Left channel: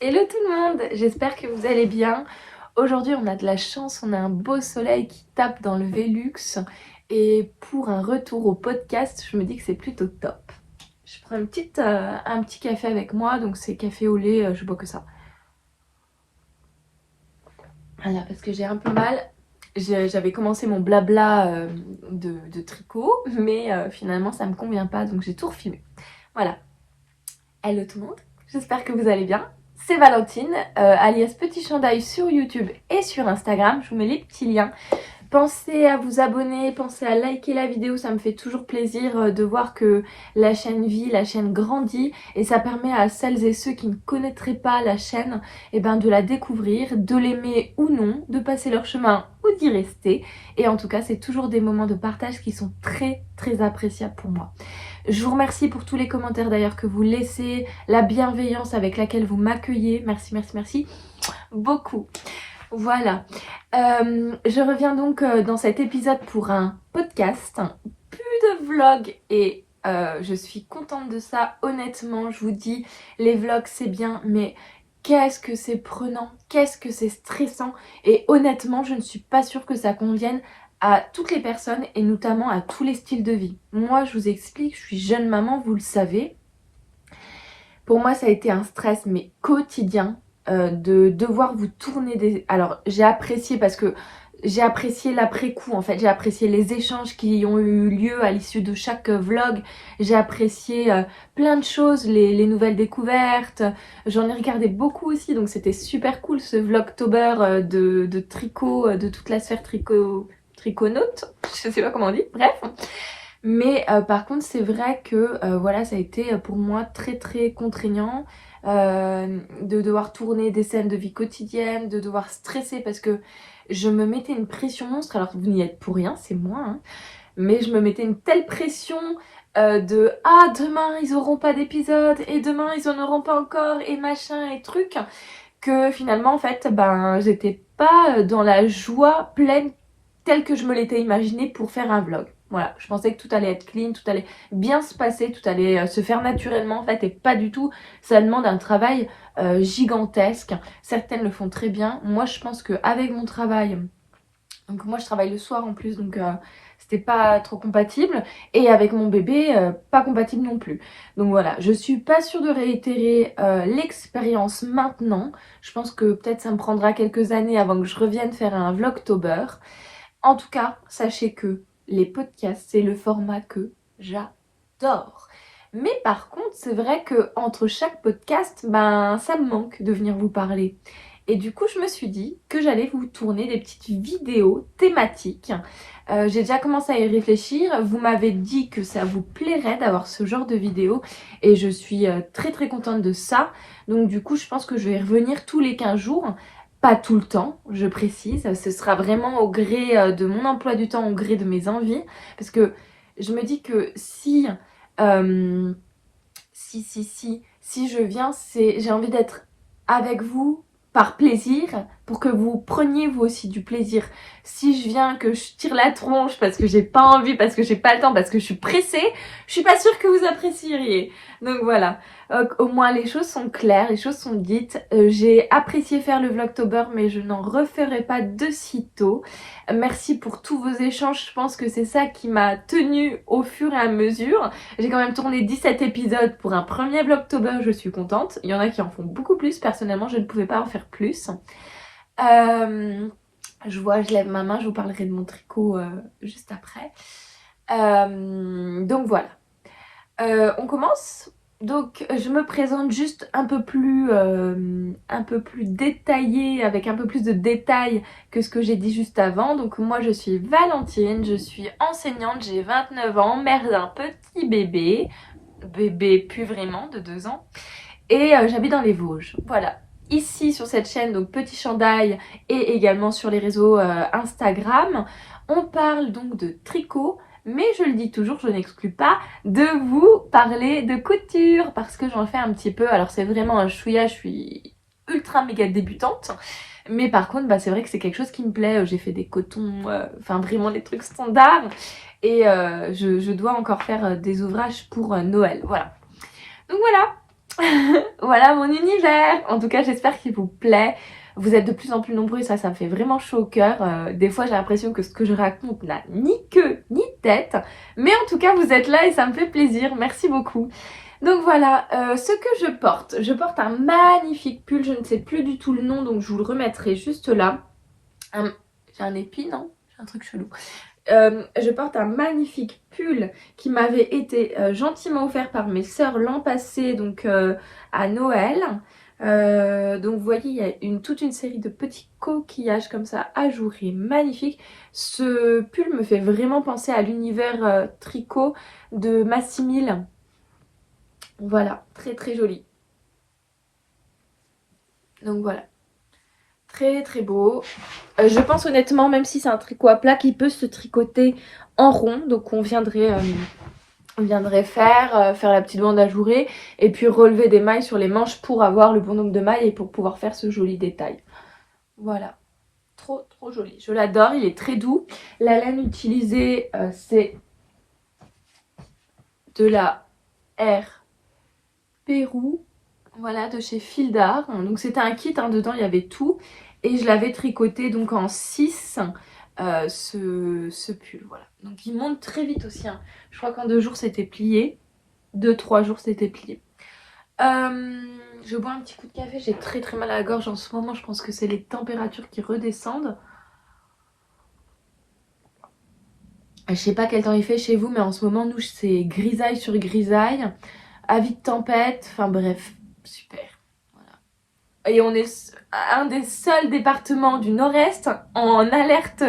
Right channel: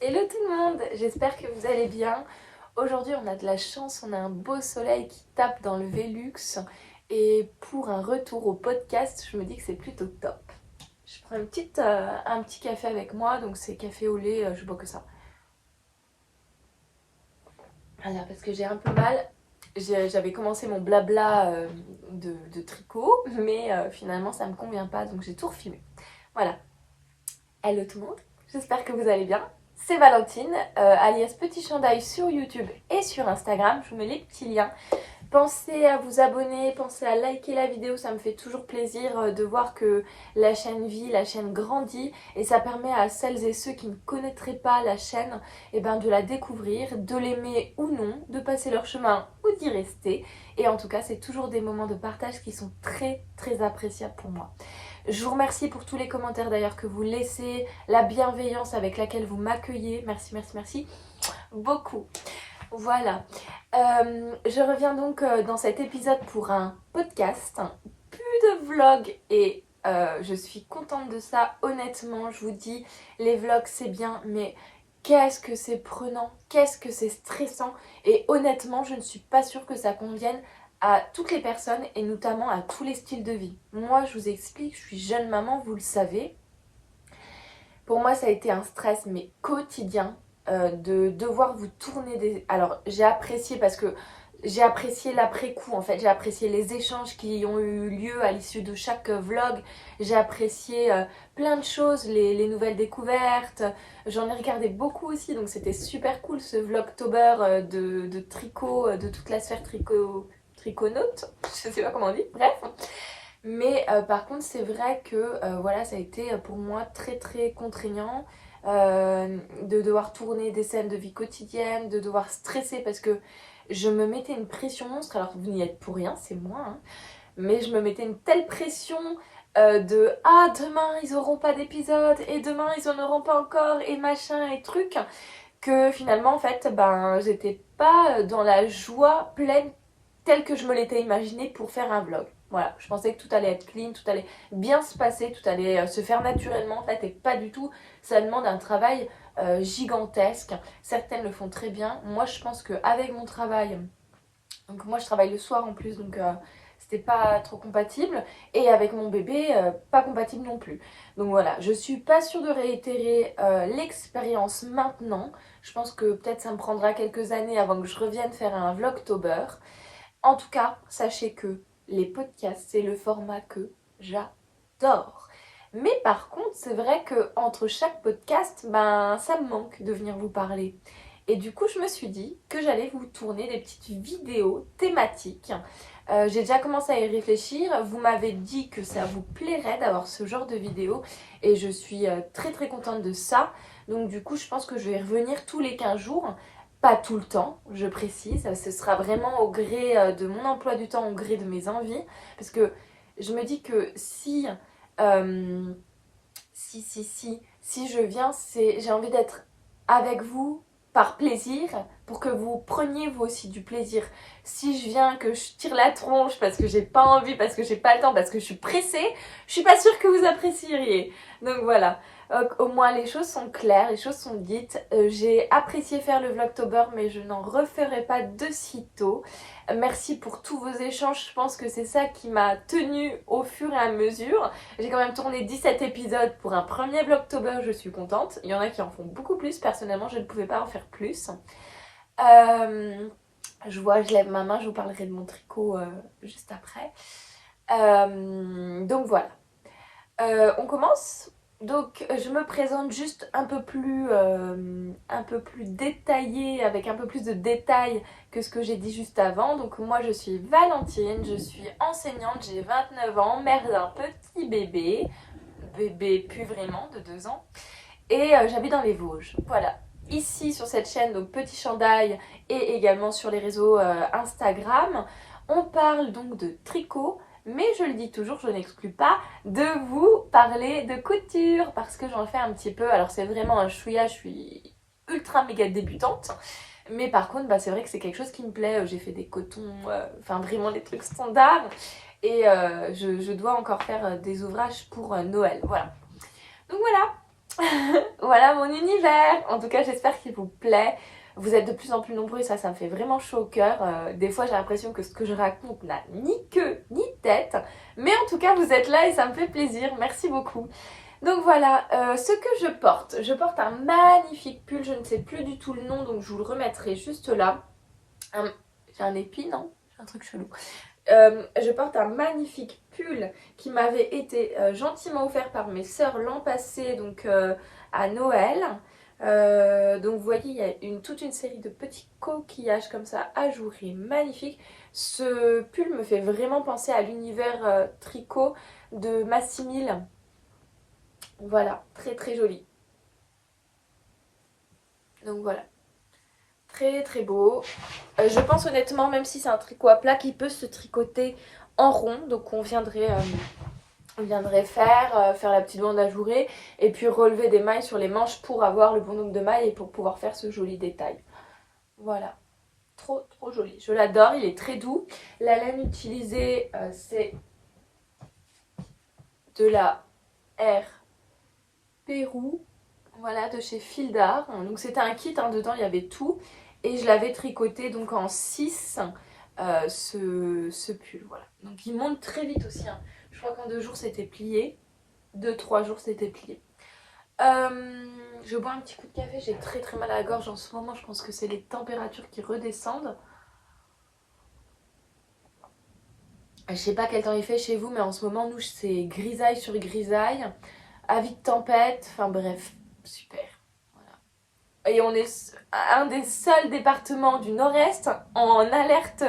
Hello tout le monde, j'espère que vous allez bien. Aujourd'hui on a de la chance, on a un beau soleil qui tape dans le Velux et pour un retour au podcast, je me dis que c'est plutôt top. Je prends un petit café avec moi, donc c'est café au lait, je bois que ça. Voilà, parce que j'ai un peu mal. J'avais commencé mon blabla de tricot, mais finalement ça me convient pas, donc j'ai tout refilmé. Voilà. Hello tout le monde, j'espère que vous allez bien. C'est Valentine, alias Petit Chandail sur YouTube et sur Instagram. Je vous mets les petits liens. Pensez à vous abonner, pensez à liker la vidéo, ça me fait toujours plaisir de voir que la chaîne vit, la chaîne grandit et ça permet à celles et ceux qui ne connaîtraient pas la chaîne de la découvrir, de l'aimer ou non, de passer leur chemin ou d'y rester. Et en tout cas, c'est toujours des moments de partage qui sont très très appréciables pour moi. Je vous remercie pour tous les commentaires d'ailleurs que vous laissez, la bienveillance avec laquelle vous m'accueillez. Merci, merci, merci beaucoup. Voilà. Je reviens donc dans cet épisode pour un podcast. Plus de vlogs et je suis contente de ça. Honnêtement, je vous dis, les vlogs c'est bien, mais qu'est-ce que c'est prenant, qu'est-ce que c'est stressant. Et honnêtement, je ne suis pas sûre que ça convienne à toutes les personnes et notamment à tous les styles de vie. Moi, je vous explique, je suis jeune maman, vous le savez. Pour moi, ça a été un stress, mais quotidien, de devoir vous tourner des... Alors, j'ai apprécié parce que j'ai apprécié l'après-coup, en fait. J'ai apprécié les échanges qui ont eu lieu à l'issue de chaque vlog. J'ai apprécié plein de choses, les nouvelles découvertes. J'en ai regardé beaucoup aussi, donc c'était super cool ce vlogtober de tricot, de toute la sphère triconaute. Je sais pas comment on dit, bref. Mais par contre, c'est vrai que voilà, ça a été pour moi très très contraignant de devoir tourner des scènes de vie quotidienne, de devoir stresser parce que je me mettais une pression monstre. Alors vous n'y êtes pour rien, c'est moi, hein, mais je me mettais une telle pression de ah demain ils auront pas d'épisode et demain ils en auront pas encore et machin et truc que finalement en fait j'étais pas dans la joie pleine telle que je me l'étais imaginée pour faire un vlog. Voilà, je pensais que tout allait être clean, tout allait bien se passer, tout allait se faire naturellement en fait et pas du tout. Ça demande un travail gigantesque. Certaines le font très bien. Moi je pense qu'avec mon travail, donc moi je travaille le soir en plus donc c'était pas trop compatible et avec mon bébé pas compatible non plus. Donc voilà, je suis pas sûre de réitérer l'expérience maintenant. Je pense que peut-être ça me prendra quelques années avant que je revienne faire un vlogtober. En tout cas, sachez que les podcasts, c'est le format que j'adore. Mais par contre, c'est vrai que entre chaque podcast, ça me manque de venir vous parler. Et du coup, je me suis dit que j'allais vous tourner des petites vidéos thématiques. J'ai déjà commencé à y réfléchir. Vous m'avez dit que ça vous plairait d'avoir ce genre de vidéos. Et je suis très très contente de ça. Donc du coup, je pense que je vais revenir tous les 15 jours. Pas tout le temps, je précise. Ce sera vraiment au gré de mon emploi du temps, au gré de mes envies. Parce que je me dis que euh, si je viens, j'ai envie d'être avec vous par plaisir, pour que vous preniez vous aussi du plaisir. Si je viens, que je tire la tronche parce que j'ai pas envie, parce que j'ai pas le temps, parce que je suis pressée, je suis pas sûre que vous apprécieriez. Donc voilà, au moins les choses sont claires, les choses sont dites. J'ai apprécié faire le vlogtober, mais je n'en referai pas de sitôt. Merci pour tous vos échanges, je pense que c'est ça qui m'a tenue au fur et à mesure. J'ai quand même tourné 17 épisodes pour un premier vlogtober, je suis contente. Il y en a qui en font beaucoup plus, personnellement je ne pouvais pas en faire plus. Je vois, je lève ma main, je vous parlerai de mon tricot juste après. Donc voilà. On commence. Donc je me présente juste un peu plus détaillé, avec un peu plus de détails que ce que j'ai dit juste avant. Donc moi je suis Valentine, je suis enseignante, j'ai 29 ans, mère d'un petit bébé plus vraiment de 2 ans. Et j'habite dans les Vosges. Voilà. Ici sur cette chaîne, donc Petit Chandail et également sur les réseaux Instagram, on parle donc de tricot. Mais je le dis toujours, je n'exclus pas de vous parler de couture parce que j'en fais un petit peu. Alors c'est vraiment un chouïa, je suis ultra méga débutante. Mais par contre, c'est vrai que c'est quelque chose qui me plaît. J'ai fait des cotons, enfin vraiment des trucs standards. Et je dois encore faire des ouvrages pour Noël. Voilà. Donc voilà. Voilà mon univers. En tout cas, j'espère qu'il vous plaît. Vous êtes de plus en plus nombreux et ça me fait vraiment chaud au cœur. Des fois, j'ai l'impression que ce que je raconte n'a ni queue ni tête. Mais en tout cas, vous êtes là et ça me fait plaisir. Merci beaucoup. Donc voilà, ce que je porte un magnifique pull. Je ne sais plus du tout le nom, donc je vous le remettrai juste là. J'ai un épi, non? J'ai un truc chelou. Je porte un magnifique pull qui m'avait été gentiment offert par mes sœurs l'an passé, donc à Noël. Donc vous voyez, il y a toute une série de petits coquillages comme ça ajourés, magnifiques. Ce pull me fait vraiment penser à l'univers tricot de Massimil. Voilà, très très joli. Donc voilà. Très très beau. Je pense honnêtement, même si c'est un tricot à plat, qu'il peut se tricoter en rond. Donc on viendrait faire la petite bande ajourée et puis relever des mailles sur les manches pour avoir le bon nombre de mailles et pour pouvoir faire ce joli détail. Voilà. Trop trop joli. Je l'adore, il est très doux. La laine utilisée, c'est de la R Pérou. Voilà, de chez Fil d'Art. Donc c'était un kit, hein, dedans il y avait tout. Et je l'avais tricoté donc en 6, ce pull. Voilà. Donc il monte très vite aussi. Hein. Je crois qu'en 2 jours c'était plié. 2-3 jours c'était plié. Je bois un petit coup de café. J'ai très très mal à la gorge en ce moment. Je pense que c'est les températures qui redescendent. Je sais pas quel temps il fait chez vous, mais en ce moment, nous, c'est grisaille sur grisaille. Avis de tempête. Enfin bref, super. Et on est un des seuls départements du nord-est en alerte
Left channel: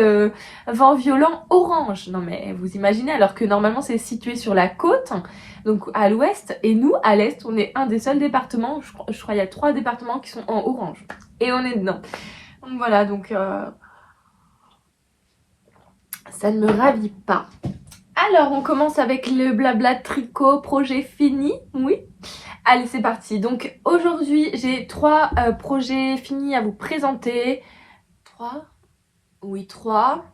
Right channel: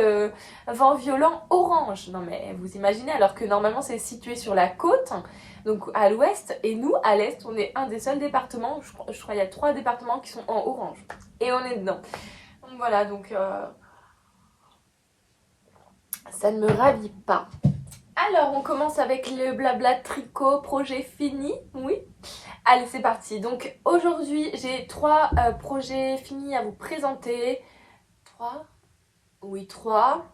vent violent orange. Non mais vous imaginez, alors que normalement c'est situé sur la côte, donc à l'ouest, et nous à l'est, on est un des seuls départements, je crois qu'il y a 3 départements qui sont en orange. Et on est dedans. Donc voilà, donc ça ne me ravit pas. Alors on commence avec le blabla tricot, projet fini, oui. Allez, c'est parti. Donc aujourd'hui, j'ai 3 projets finis à vous présenter. 3 ? Oui, 3.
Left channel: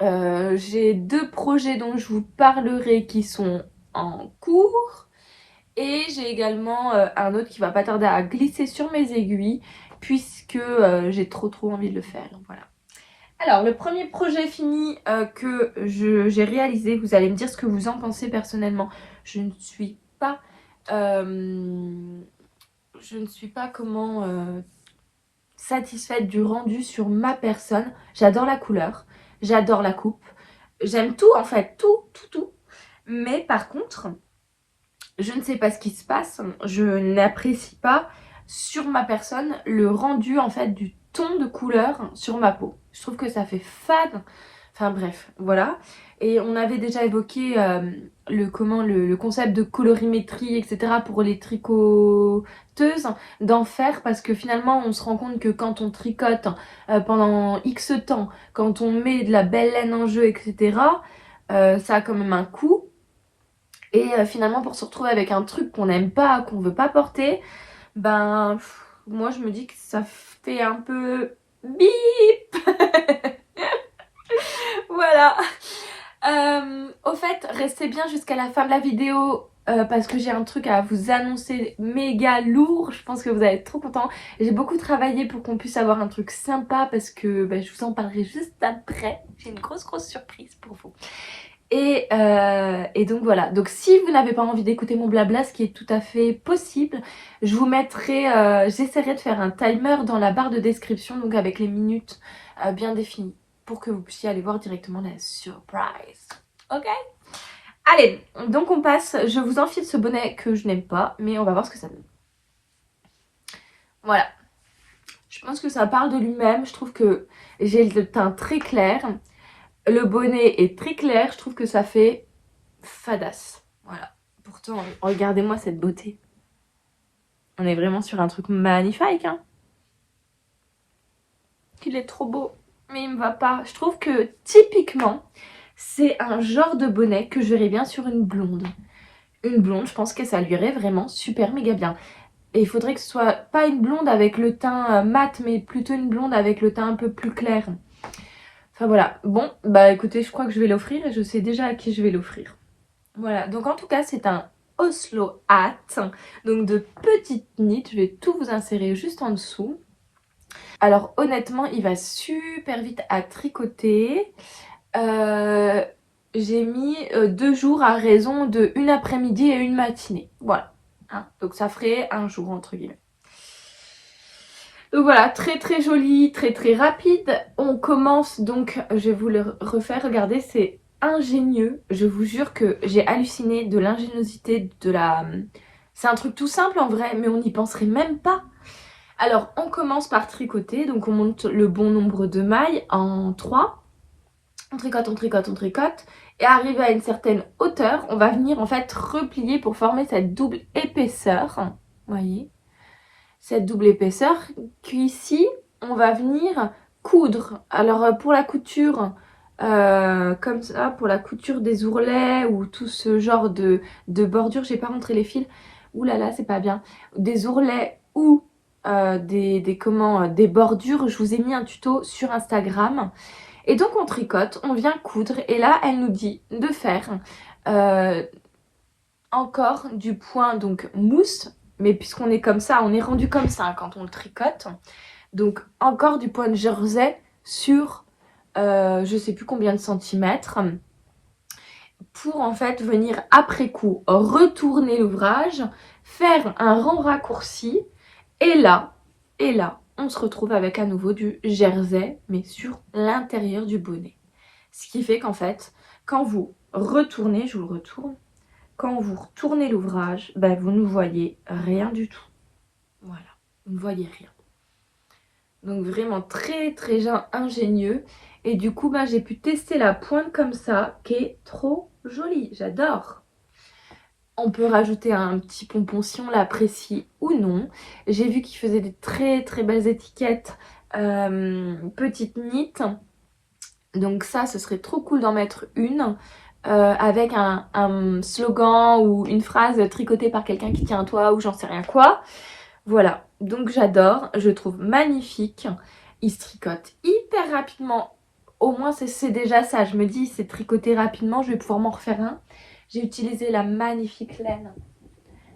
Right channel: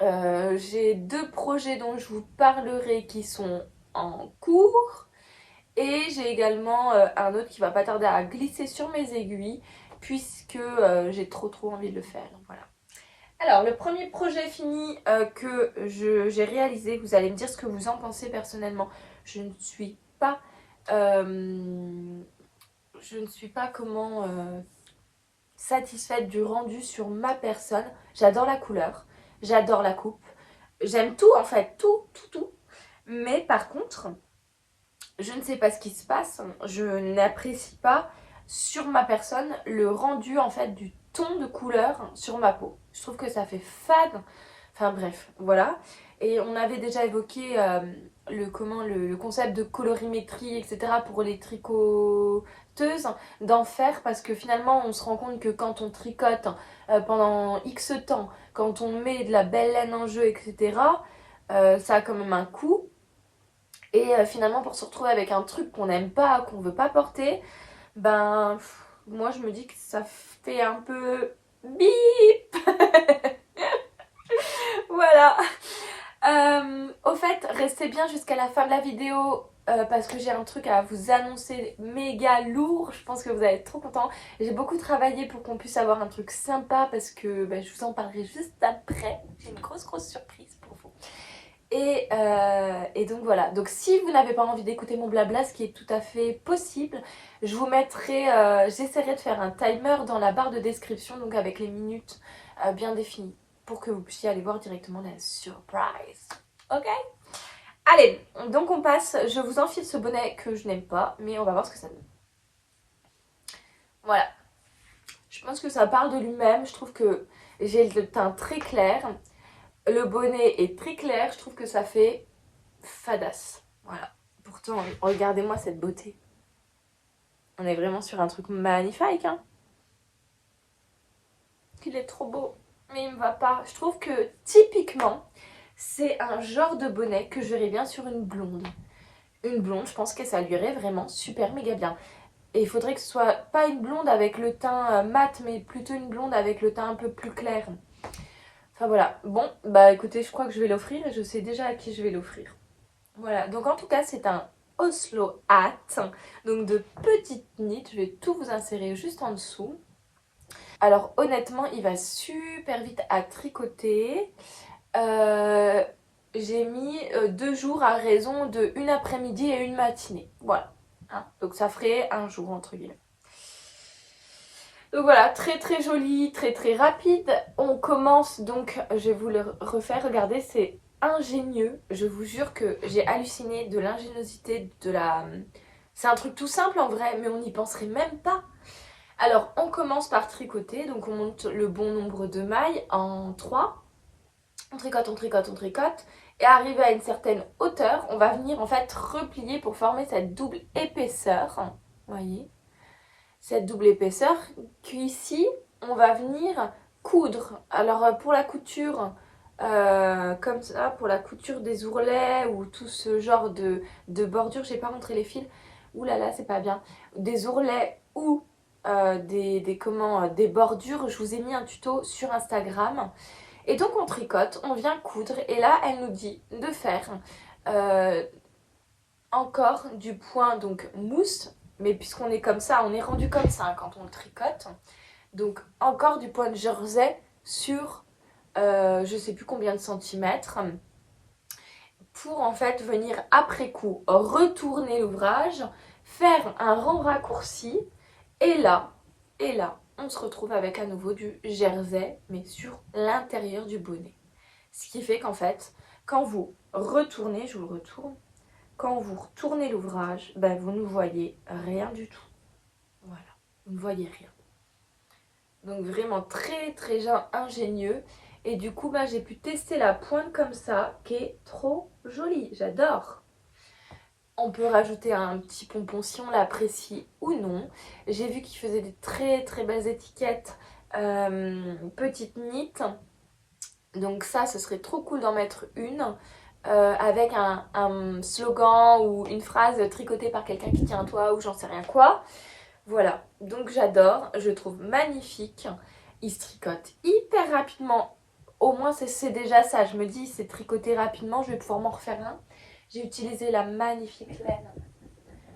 J'ai 2 projets dont je vous parlerai qui sont en cours. Et j'ai également un autre qui va pas tarder à glisser sur mes aiguilles puisque j'ai trop envie de le faire. Voilà. Alors, le premier projet fini que j'ai réalisé, vous allez me dire ce que vous en pensez personnellement. Je ne suis pas satisfaite du rendu sur ma personne. J'adore la couleur, j'adore la coupe, j'aime tout en fait, tout. Mais par contre, je ne sais pas ce qui se passe, je n'apprécie pas sur ma personne le rendu en fait du ton de couleur sur ma peau. Je trouve que ça fait fade. Enfin bref, voilà. Et on avait déjà évoqué le concept de colorimétrie, etc. pour les tricoteuses, d'en faire parce que finalement on se rend compte que quand on tricote pendant X temps, quand on met de la belle laine en jeu, etc., ça a quand même un coût. Et finalement pour se retrouver avec un truc qu'on n'aime pas, qu'on veut pas porter, ben moi je me dis que ça fait un peu bip. Voilà. Au fait, restez bien jusqu'à la fin de la vidéo parce que j'ai un truc à vous annoncer méga lourd. Je pense que vous allez être trop contents. J'ai beaucoup travaillé pour qu'on puisse avoir un truc sympa parce que je vous en parlerai juste après. J'ai une grosse surprise pour vous. Et donc voilà, donc si vous n'avez pas envie d'écouter mon blabla, ce qui est tout à fait possible, je vous mettrai, j'essaierai de faire un timer dans la barre de description, donc avec les minutes bien définies, pour que vous puissiez aller voir directement la surprise. Ok? Allez, donc on passe, je vous enfile ce bonnet que je n'aime pas, mais on va voir ce que ça donne. Voilà. Je pense que ça parle de lui-même, je trouve que j'ai le teint très clair. Le bonnet est très clair, je trouve que ça fait fadasse. Voilà. Pourtant, regardez-moi cette beauté. On est vraiment sur un truc magnifique, hein. Il est trop beau, mais il me va pas. Je trouve que typiquement, c'est un genre de bonnet que je verrais bien sur une blonde. Une blonde, je pense que ça lui irait vraiment super méga bien. Et il faudrait que ce soit pas une blonde avec le teint mat, mais plutôt une blonde avec le teint un peu plus clair. Enfin voilà, bon, bah écoutez, je crois que je vais l'offrir et je sais déjà à qui je vais l'offrir. Voilà, donc en tout cas, c'est un Oslo Hat, donc de petites nids. Je vais tout vous insérer juste en dessous. Alors honnêtement, il va super vite à tricoter. J'ai mis 2 jours à raison de une après-midi et une matinée. Voilà. Hein, donc ça ferait un jour entre guillemets. Donc voilà, très très joli, très très rapide. On commence donc, je vais vous le refaire, regardez, c'est ingénieux. Je vous jure que j'ai halluciné de l'ingéniosité de la... C'est un truc tout simple en vrai, mais on n'y penserait même pas. Alors, on commence par tricoter, donc on monte le bon nombre de mailles en 3. On tricote, on tricote, on tricote. Et arrivé à une certaine hauteur, on va venir en fait replier pour former cette double épaisseur. Vous voyez ? Cette double épaisseur qu'ici on va venir coudre. Alors pour la couture comme ça, pour la couture des ourlets ou tout ce genre de bordure, j'ai pas montré les fils, ouh là là c'est pas bien, des ourlets ou des bordures, je vous ai mis un tuto sur Instagram. Et donc on tricote, on vient coudre et là elle nous dit de faire encore du point donc mousse. Mais puisqu'on est comme ça, on est rendu comme ça quand on le tricote. Donc encore du point de jersey sur je sais plus combien de centimètres. Pour en fait venir après coup retourner l'ouvrage, faire un rang raccourci. Et là, on se retrouve avec à nouveau du jersey, mais sur l'intérieur du bonnet. Ce qui fait qu'en fait, quand vous retournez, je vous le retourne, quand vous retournez l'ouvrage, ben vous ne voyez rien du tout. Voilà, vous ne voyez rien. Donc vraiment très très ingénieux. Et du coup, ben, j'ai pu tester la pointe comme ça, qui est trop jolie. J'adore. On peut rajouter un petit pompon si on l'apprécie ou non. J'ai vu qu'il faisait des très très belles étiquettes petites nids. Donc ça, ce serait trop cool d'en mettre une. Avec un slogan ou une phrase tricotée par quelqu'un qui tient à toi ou j'en sais rien quoi. Voilà, donc j'adore, je trouve magnifique. Il se tricote hyper rapidement, au moins c'est déjà ça. Je me dis c'est tricoté rapidement, je vais pouvoir m'en refaire un. J'ai utilisé la magnifique laine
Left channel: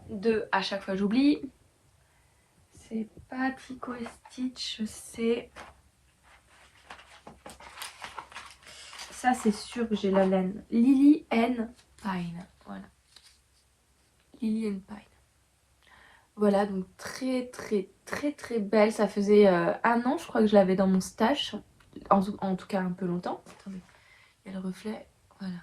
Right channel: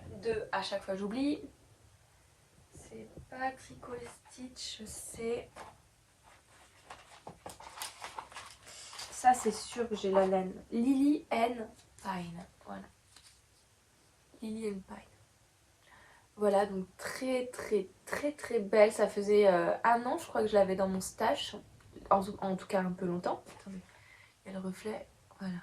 de, à chaque fois j'oublie, c'est pas Tricot et Stitch, c'est... Ça c'est sûr que j'ai la laine. Lily and Pine. Voilà. Lily and Pine. Voilà, donc très très très très belle. Ça faisait 1 an je crois que je l'avais dans mon stash. En tout cas un peu longtemps. Attendez, il y a le reflet. Voilà.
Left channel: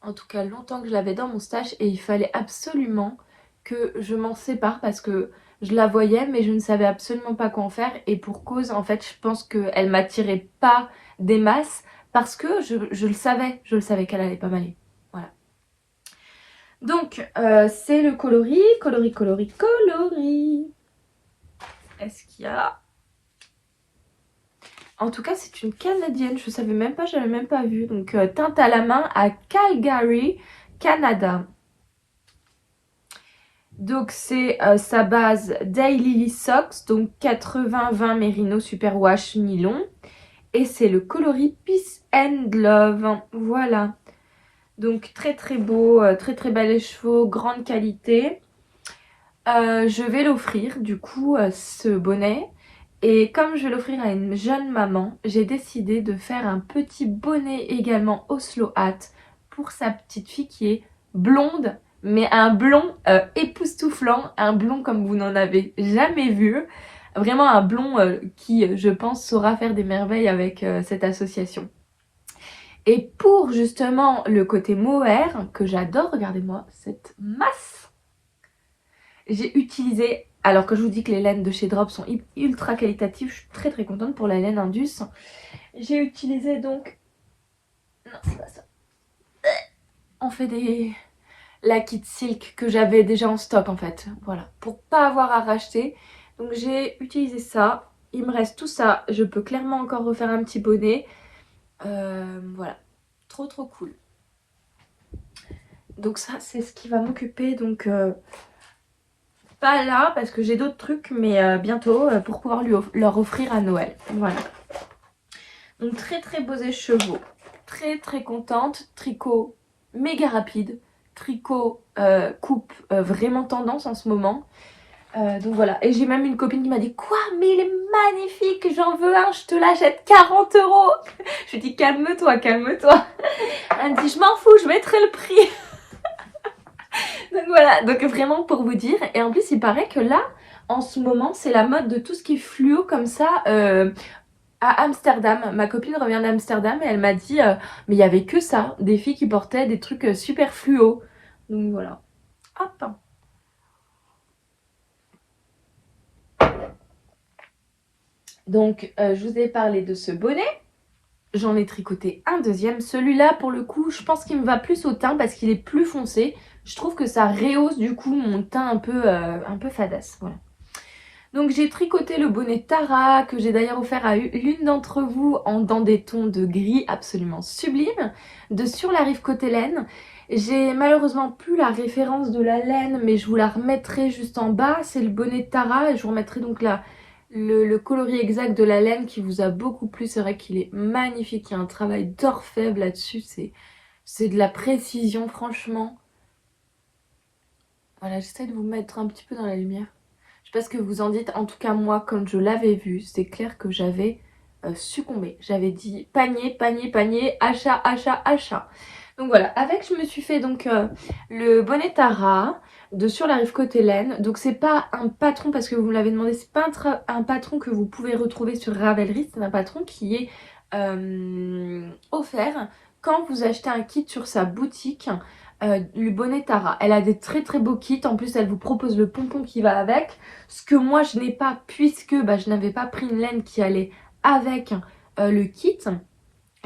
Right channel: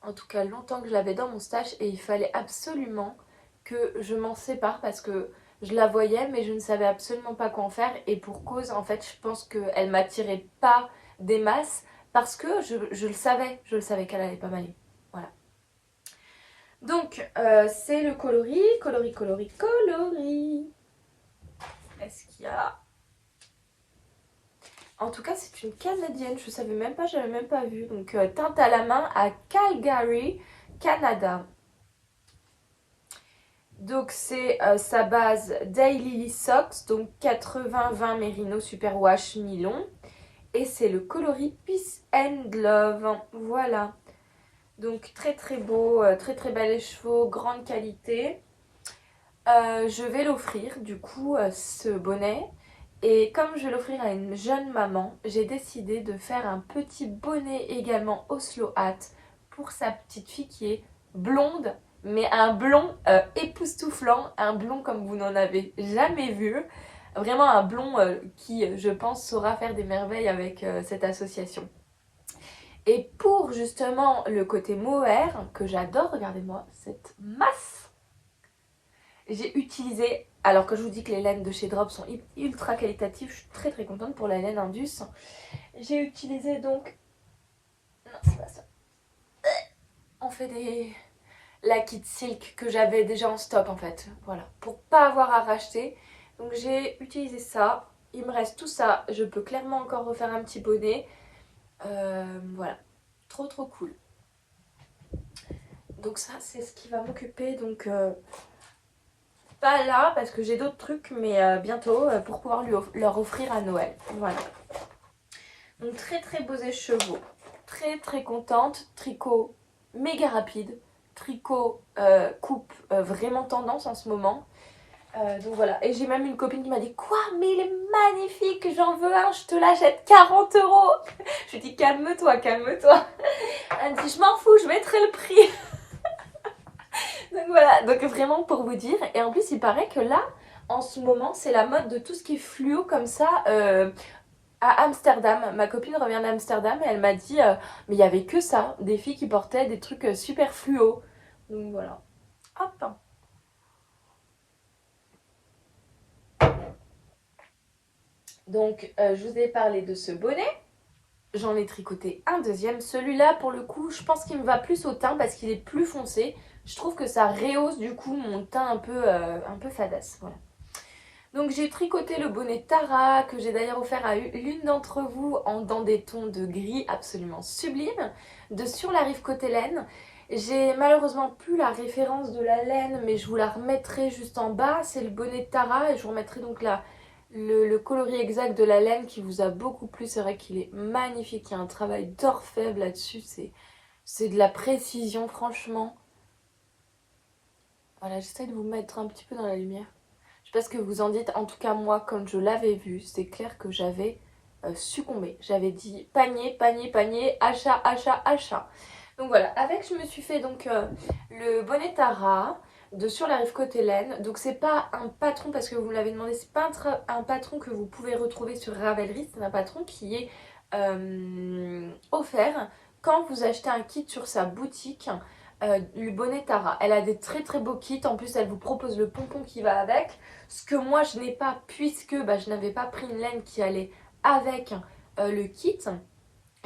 En tout cas longtemps que je l'avais dans mon stash. Et il fallait absolument que je m'en sépare parce que je la voyais mais je ne savais absolument pas quoi en faire. Et pour cause, en fait, je pense qu'elle m'attirait pas des masses. Parce que je le savais qu'elle allait pas m'aller. Voilà. Donc, c'est le coloris. Est-ce qu'il y a... En tout cas, c'est une canadienne. Je savais même pas, j'avais même pas vu. Donc, teinte à la main à Calgary, Canada. Donc, c'est sa base Daily Socks. Donc, 80-20 Merino Superwash Nylon. Et c'est le coloris Peace and Love. Voilà. Donc très très beau, très très bel écheveau, grande qualité. Je vais l'offrir du coup ce bonnet. Et comme je vais l'offrir à une jeune maman, j'ai décidé de faire un petit bonnet également Oslo Hat pour sa petite fille qui est blonde. Mais un blond époustouflant, un blond comme vous n'en avez jamais vu. Vraiment un blond qui, je pense, saura faire des merveilles avec cette association. Et pour justement le côté mohair, que j'adore, regardez-moi cette masse. J'ai utilisé, alors que je vous dis que les laines de chez Drop sont ultra qualitatives, je suis très très contente pour la laine Indus. J'ai utilisé donc... Non, c'est pas ça. On fait la kit silk que j'avais déjà en stock en fait. Voilà, pour pas avoir à racheter. Donc j'ai utilisé ça. Il me reste tout ça. Je peux clairement encore refaire un petit bonnet. Voilà, trop trop cool. Donc ça c'est ce qui va m'occuper. Donc pas là parce que j'ai d'autres trucs, mais bientôt pour pouvoir leur offrir à Noël. Voilà. Donc très très beaux écheveaux. Très très contente. Tricot méga rapide. tricot coupe vraiment tendance en ce moment. Donc voilà, et j'ai même une copine qui m'a dit quoi, mais il est magnifique, j'en veux un, je te l'achète 40 euros. Je lui dis calme-toi, calme-toi. Elle me dit je m'en fous, je mettrai le prix. Donc voilà, donc vraiment pour vous dire. Et en plus il paraît que là en ce moment c'est la mode de tout ce qui est fluo comme ça à Amsterdam. Ma copine revient d'Amsterdam et elle m'a dit mais il y avait que ça, des filles qui portaient des trucs super fluo. Donc voilà, hop. Donc je vous ai parlé de ce bonnet. J'en ai tricoté un deuxième. Celui-là, pour le coup, je pense qu'il me va plus au teint parce qu'il est plus foncé. Je trouve que ça rehausse du coup mon teint un peu fadasse. Voilà. Donc j'ai tricoté le bonnet Tara que j'ai d'ailleurs offert à l'une d'entre vous dans des tons de gris absolument sublimes. De Sur la rive côté laine. J'ai malheureusement plus la référence de la laine mais je vous la remettrai juste en bas. C'est le bonnet Tara et je vous remettrai donc le coloris exact de la laine qui vous a beaucoup plu. C'est vrai qu'il est magnifique, il y a un travail d'orfèvre là-dessus, c'est de la précision franchement. Voilà, j'essaie de vous mettre un petit peu dans la lumière. Je sais pas ce que vous en dites, en tout cas moi quand je l'avais vu, c'est clair que j'avais succombé. J'avais dit panier, panier, panier, achat, achat, achat. Donc voilà, avec je me suis fait donc le bonnet Tara de Sur la rive côté laine. Donc c'est pas un patron parce que vous me l'avez demandé, c'est pas un patron que vous pouvez retrouver sur Ravelry, c'est un patron qui est offert quand vous achetez un kit sur sa boutique. Le bonnet Tara, elle a des très très beaux kits, en plus elle vous propose le pompon qui va avec, ce que moi je n'ai pas puisque je n'avais pas pris une laine qui allait avec le kit.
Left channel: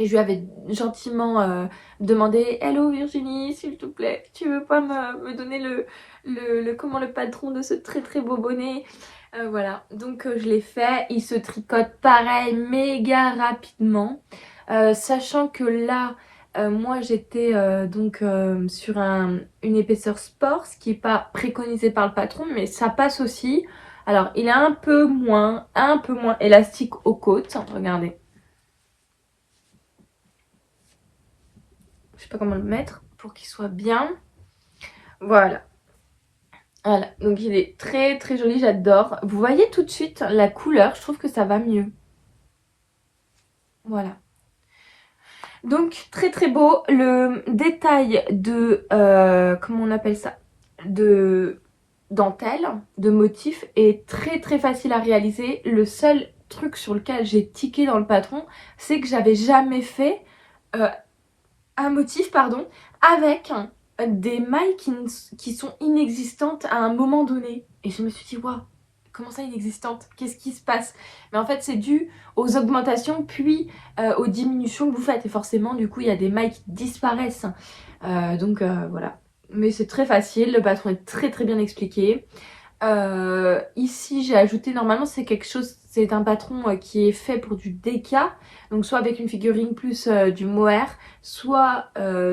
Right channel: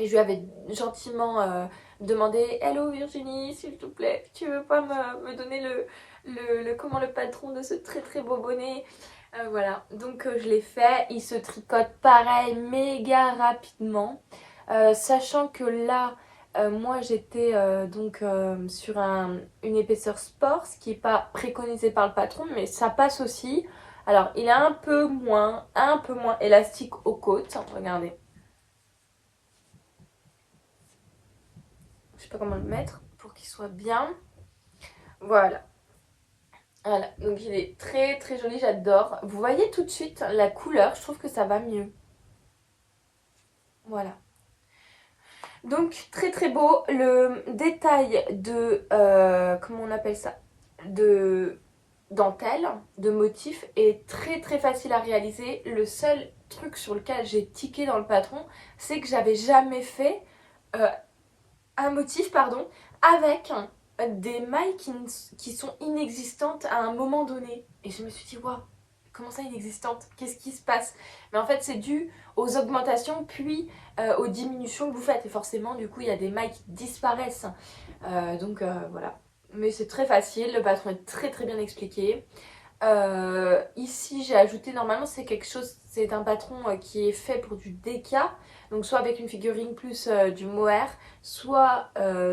Et je lui avais gentiment demandé Hello Virginie, s'il te plaît, tu veux pas me donner le patron de ce très très beau bonnet. Voilà, donc je l'ai fait. Il se tricote pareil, méga rapidement. Sachant que là, moi j'étais sur une épaisseur sport, ce qui n'est pas préconisé par le patron, mais ça passe aussi. Alors il est un peu moins élastique aux côtes. Regardez. Je sais pas comment le mettre pour qu'il soit bien. Voilà. Voilà, donc il est très très joli, j'adore. Vous voyez tout de suite la couleur, je trouve que ça va mieux. Voilà. Donc très très beau. Le détail de, comment on appelle ça, de dentelle, de motif est très très facile à réaliser. Le seul truc sur lequel j'ai tiqué dans le patron, c'est que j'avais jamais fait un motif, pardon, avec des mailles qui sont inexistantes à un moment donné. Et je me suis dit, waouh, comment ça inexistantes? Qu'est-ce qui se passe? Mais en fait, c'est dû aux augmentations puis aux diminutions que vous faites. Et forcément, du coup, il y a des mailles qui disparaissent. Voilà. Mais c'est très facile, le patron est très très bien expliqué. Ici j'ai ajouté, normalement c'est quelque chose, c'est un patron qui est fait pour du DK, donc soit avec une figurine plus du mohair, soit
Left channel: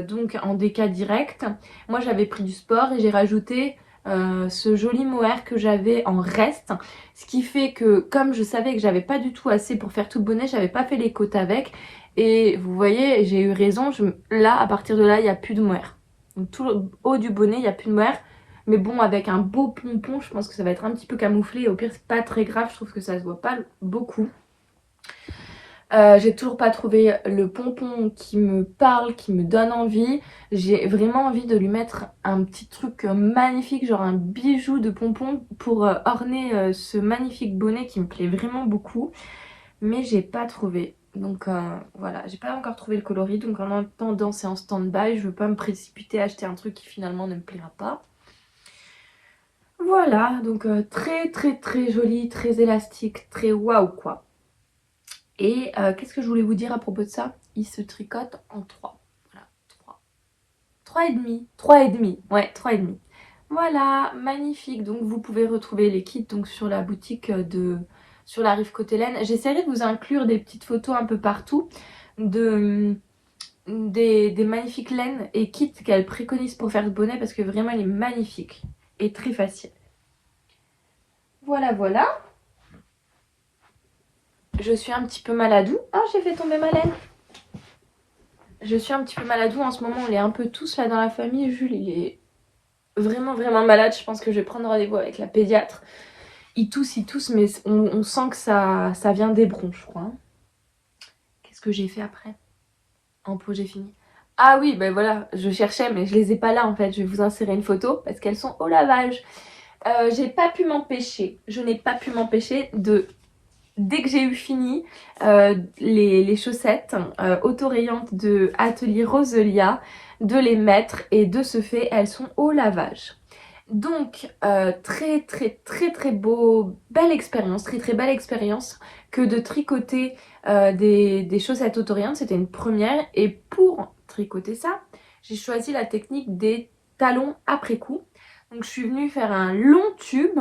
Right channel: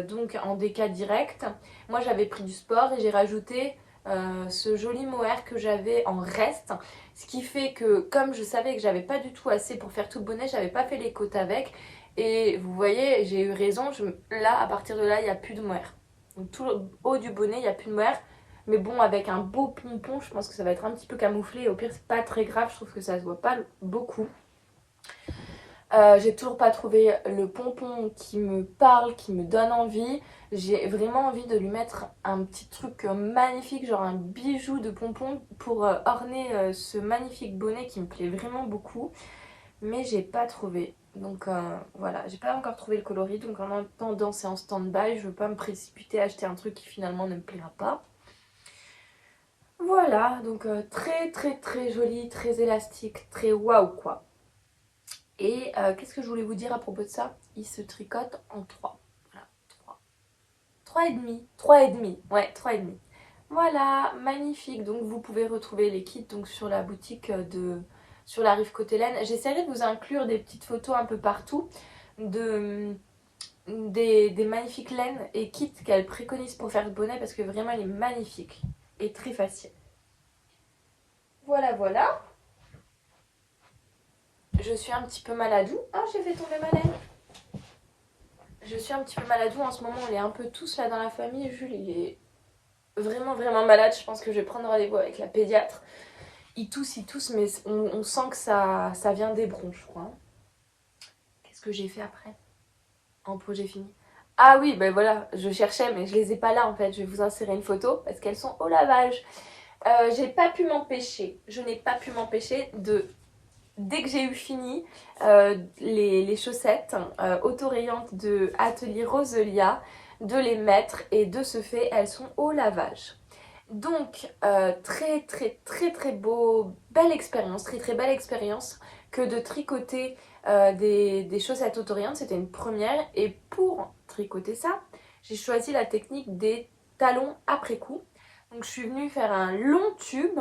donc en DK direct. Moi j'avais pris du sport et j'ai rajouté ce joli mohair que j'avais en reste, ce qui fait que comme je savais que j'avais pas du tout assez pour faire tout le bonnet, j'avais pas fait les côtes avec, et vous voyez j'ai eu raison, là à partir de là il n'y a plus de mohair, donc tout le haut du bonnet il n'y a plus de mohair. Mais bon, avec un beau pompon, je pense que ça va être un petit peu camouflé. Au pire, c'est pas très grave. Je trouve que ça se voit pas beaucoup. J'ai toujours pas trouvé le pompon qui me parle, qui me donne envie. J'ai vraiment envie de lui mettre un petit truc magnifique, genre un bijou de pompon pour orner ce magnifique bonnet qui me plaît vraiment beaucoup. Mais j'ai pas trouvé. Donc voilà, j'ai pas encore trouvé le coloris. Donc en attendant, c'est en stand-by. Je veux pas me précipiter à acheter un truc qui finalement ne me plaira pas. Voilà, donc très très très joli, très élastique, très waouh quoi. Et qu'est-ce que je voulais vous dire à propos de ça? Il se tricote en 3. Voilà, 3. 3 et demi. 3 et demi. Ouais, 3 et demi. Voilà, magnifique. Donc vous pouvez retrouver les kits donc, sur la boutique sur la rive côté laine. J'essaierai de vous inclure des petites photos un peu partout des magnifiques laines et kits qu'elle préconise pour faire ce bonnet parce que vraiment il est magnifique et très facile. Voilà, voilà. Je suis un petit peu maladou. Ah, j'ai fait tomber ma laine. Je suis un petit peu maladou en ce moment, on est un peu tous là dans la famille. Jules, il est vraiment malade. Je pense que je vais prendre rendez-vous avec la pédiatre. Il tousse, mais on sent que ça vient des bronches, je crois. Hein. Qu'est-ce que j'ai fait après? En pot, j'ai fini. Ah oui, ben voilà, je cherchais, mais je les ai pas là en fait. Je vais vous insérer une photo parce qu'elles sont au lavage. J'ai pas pu m'empêcher, je n'ai pas pu m'empêcher de, dès que j'ai eu fini les chaussettes autorayantes de Atelier Roselia, de les mettre et de ce fait, elles sont au lavage. Donc, très beau, belle expérience, très belle expérience que de tricoter des chaussettes autorayantes. C'était une première et pour tricoter ça, j'ai choisi la technique des talons après coup. Donc je suis venue faire un long tube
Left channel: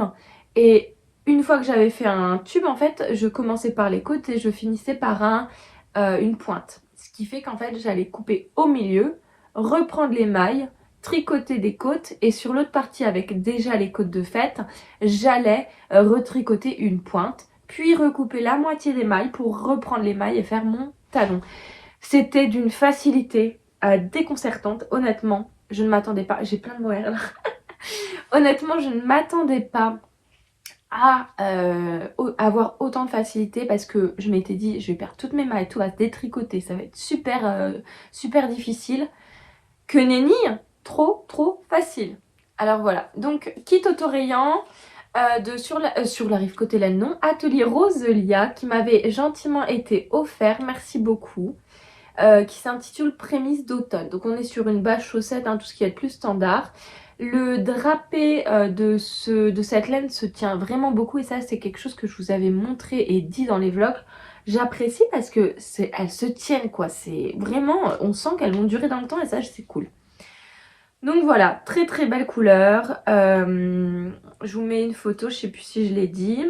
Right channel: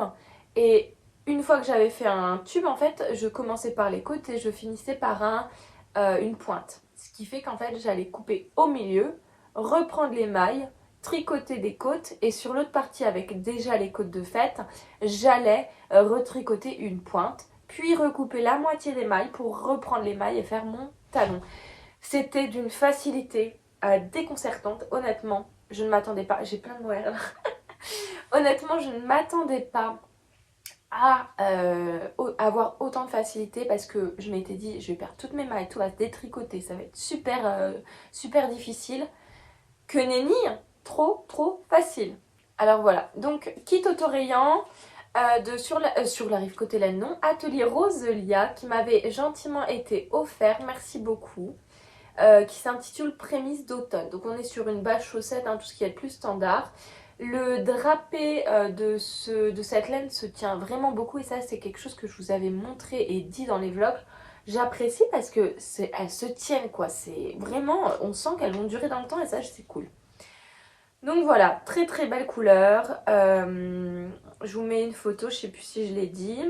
et une fois que j'avais fait un tube, en fait, je commençais par les côtes et je finissais par une pointe. Ce qui fait qu'en fait, j'allais couper au milieu, reprendre les mailles, tricoter des côtes et sur l'autre partie avec déjà les côtes de fait, j'allais retricoter une pointe, puis recouper la moitié des mailles pour reprendre les mailles et faire mon talon. C'était d'une facilité déconcertante, honnêtement, je ne m'attendais pas, j'ai plein de mots là. Honnêtement, je ne m'attendais pas à avoir autant de facilité parce que je m'étais dit je vais perdre toutes mes mailles, tout va se détricoter, ça va être super difficile. Que nenni, trop facile. Alors voilà, donc kit autorayant sur la rive côté laine non, Atelier Roselia qui m'avait gentiment été offert, merci beaucoup. Qui s'intitule Prémisse d'automne. Donc on est sur une base chaussette, hein, tout ce qui est le plus standard. Le drapé de cette laine se tient vraiment beaucoup et ça c'est quelque chose que je vous avais montré et dit dans les vlogs. J'apprécie parce que elles se tiennent quoi, c'est vraiment, on sent qu'elles vont durer dans le temps et ça c'est cool. Donc voilà, très belle couleur. Je vous mets une photo, je sais plus si je l'ai dit.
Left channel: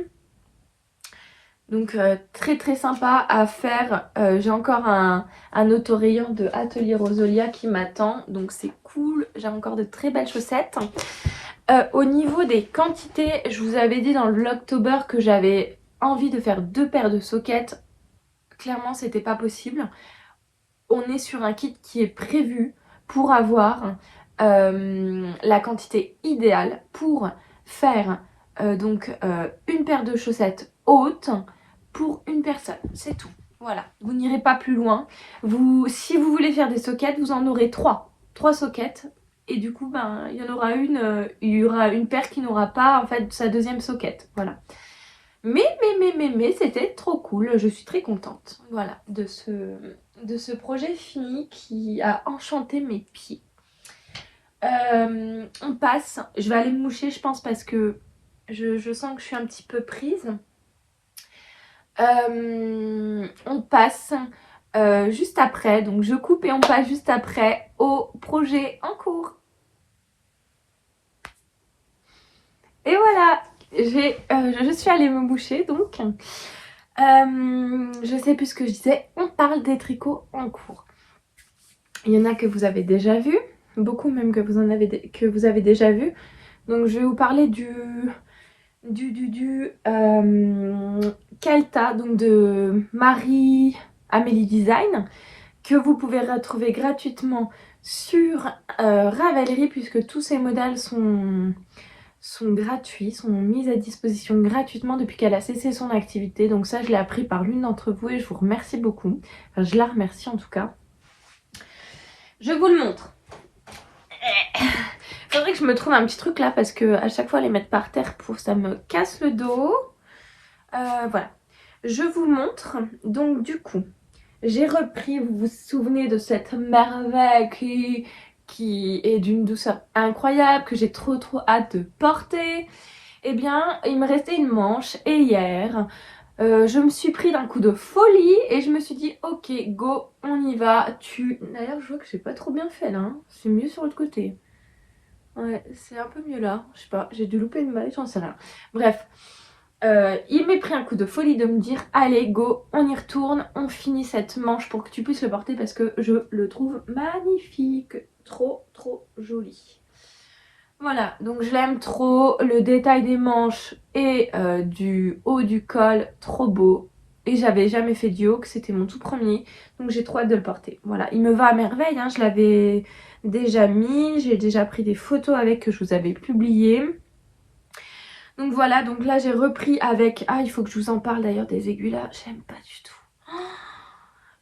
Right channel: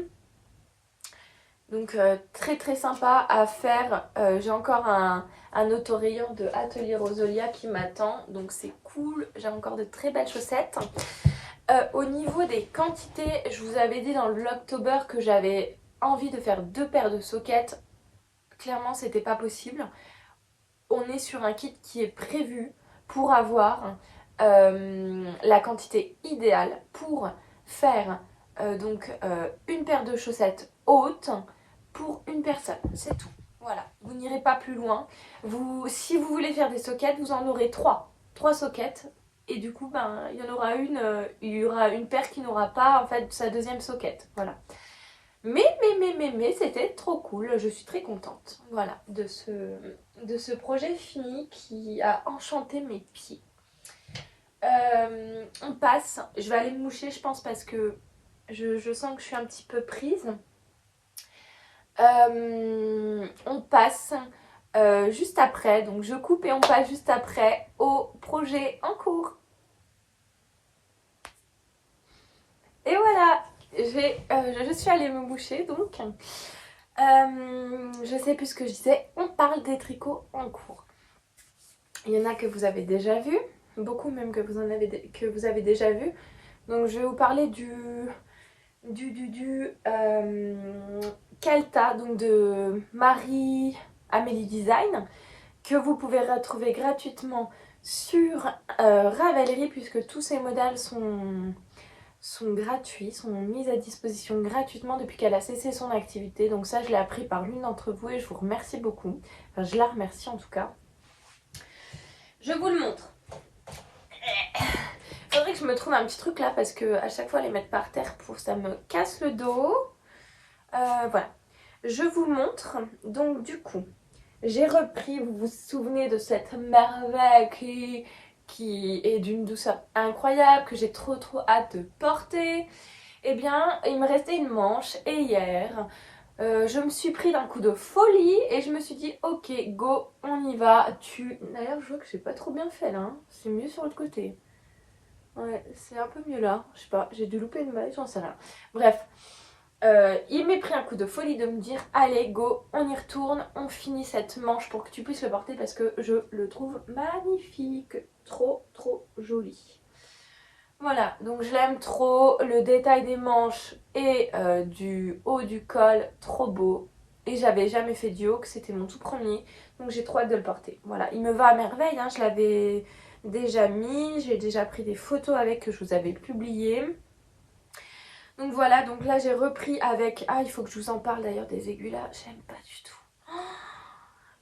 Donc très sympa à faire. J'ai encore un autorayon de Atelier Roselia qui m'attend. Donc c'est cool. J'ai encore de très belles chaussettes. Au niveau des quantités, je vous avais dit dans le vlogtober que j'avais envie de faire 2 paires de sockets. Clairement, c'était pas possible. On est sur un kit qui est prévu pour avoir la quantité idéale pour faire une paire de chaussettes hautes pour une personne, c'est tout. Voilà, vous n'irez pas plus loin. Si vous voulez faire des sockets, vous en aurez 3 sockets. Et du coup, ben, il y aura une paire qui n'aura pas en fait sa deuxième socket. Voilà. Mais c'était trop cool. Je suis très contente. Voilà, de ce projet fini qui a enchanté mes pieds. On passe. Je vais aller me moucher, je pense, parce que je sens que je suis un petit peu prise. On passe juste après, donc je coupe et on passe juste après au projet en cours. Et voilà, je suis allée me moucher donc. Je sais plus ce que je disais, on parle des tricots en cours. Il y en a que vous avez déjà vu, beaucoup même que vous avez déjà vu. Donc je vais vous parler du Calta, donc de Marie-Amélie Design, que vous pouvez retrouver gratuitement sur Ravelry puisque tous ces modèles sont gratuits, sont mis à disposition gratuitement depuis qu'elle a cessé son activité. Donc ça, je l'ai appris par l'une d'entre vous et je vous remercie beaucoup. Enfin, je la remercie en tout cas. Je vous le montre. Faudrait que je me trouve un petit truc là parce que à chaque fois les mettre par terre, ça me casse le dos. Voilà. Je vous montre. Donc du coup, j'ai repris, vous vous souvenez de cette merveille qui est d'une douceur incroyable, que j'ai trop hâte de porter. Eh bien, il me restait une manche et hier, je me suis pris d'un coup de folie et je me suis dit ok, go, on y va. D'ailleurs, je vois que j'ai pas trop bien fait là, hein. C'est mieux sur l'autre côté. Ouais, c'est un peu mieux là, je sais pas, j'ai dû louper une maille, j'en sais rien. Bref, il m'est pris un coup de folie de me dire allez go, on y retourne, on finit cette manche pour que tu puisses le porter parce que je le trouve magnifique, trop joli. Voilà, donc je l'aime trop, le détail des manches et du haut du col, trop beau. Et j'avais jamais fait du haut, que c'était mon tout premier. Donc j'ai trop hâte de le porter. Voilà, il me va à merveille, hein. Je l'avais déjà mis. J'ai déjà pris des photos avec que je vous avais publiées. Donc voilà, donc là j'ai repris avec... Ah, il faut que je vous en parle d'ailleurs des aiguilles là. J'aime pas du tout.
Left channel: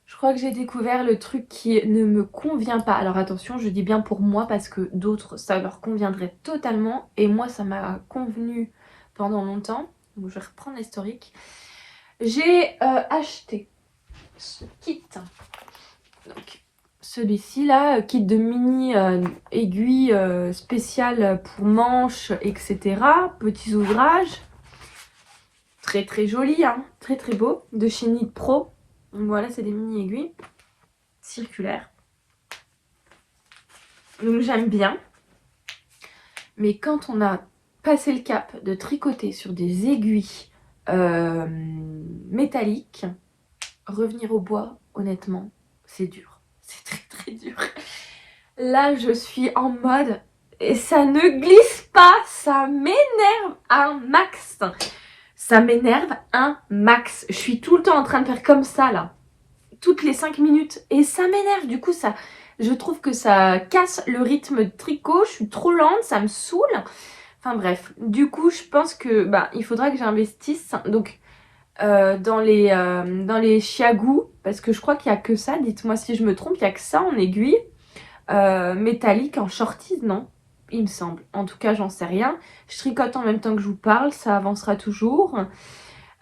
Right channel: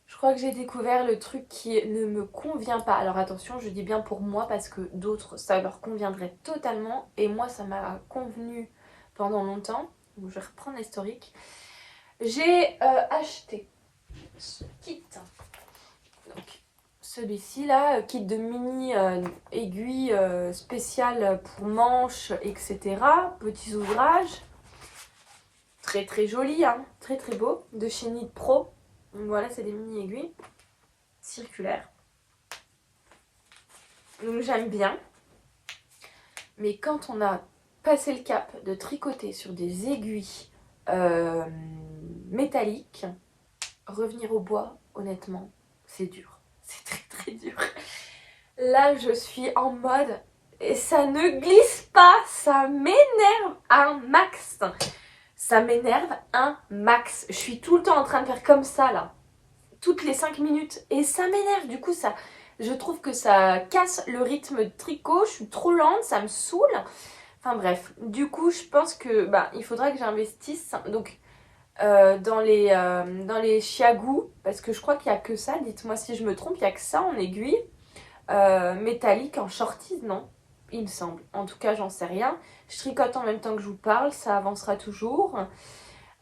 Je crois que j'ai découvert le truc qui ne me convient pas. Alors attention, je dis bien pour moi parce que d'autres, ça leur conviendrait totalement. Et moi, ça m'a convenu pendant longtemps. Donc je vais reprendre l'historique. J'ai acheté ce kit. Donc celui-ci là, kit de mini aiguilles spéciales pour manches, etc. Petits ouvrages. Très très joli, hein, très très beau. De chez Knit Pro. Donc voilà, c'est des mini aiguilles circulaires. Donc j'aime bien. Mais quand on a passé le cap de tricoter sur des aiguilles métalliques, revenir au bois, honnêtement, c'est dur. C'est très très dur. Là, je suis en mode... Et ça ne glisse pas, ça m'énerve un max. Ça m'énerve un max. Je suis tout le temps en train de faire comme ça, là. Toutes les 5 minutes. Et ça m'énerve. Du coup, ça, je trouve que ça casse le rythme de tricot. Je suis trop lente, ça me saoule. Enfin bref. Du coup, je pense que il faudra que j'investisse. Donc, dans les chiagous. Parce que je crois qu'il n'y a que ça. Dites-moi si je me trompe. Il n'y a que ça en aiguille. Métallique, en shorties, non? Il me semble. En tout cas, j'en sais rien. Je tricote en même temps que je vous parle. Ça avancera toujours.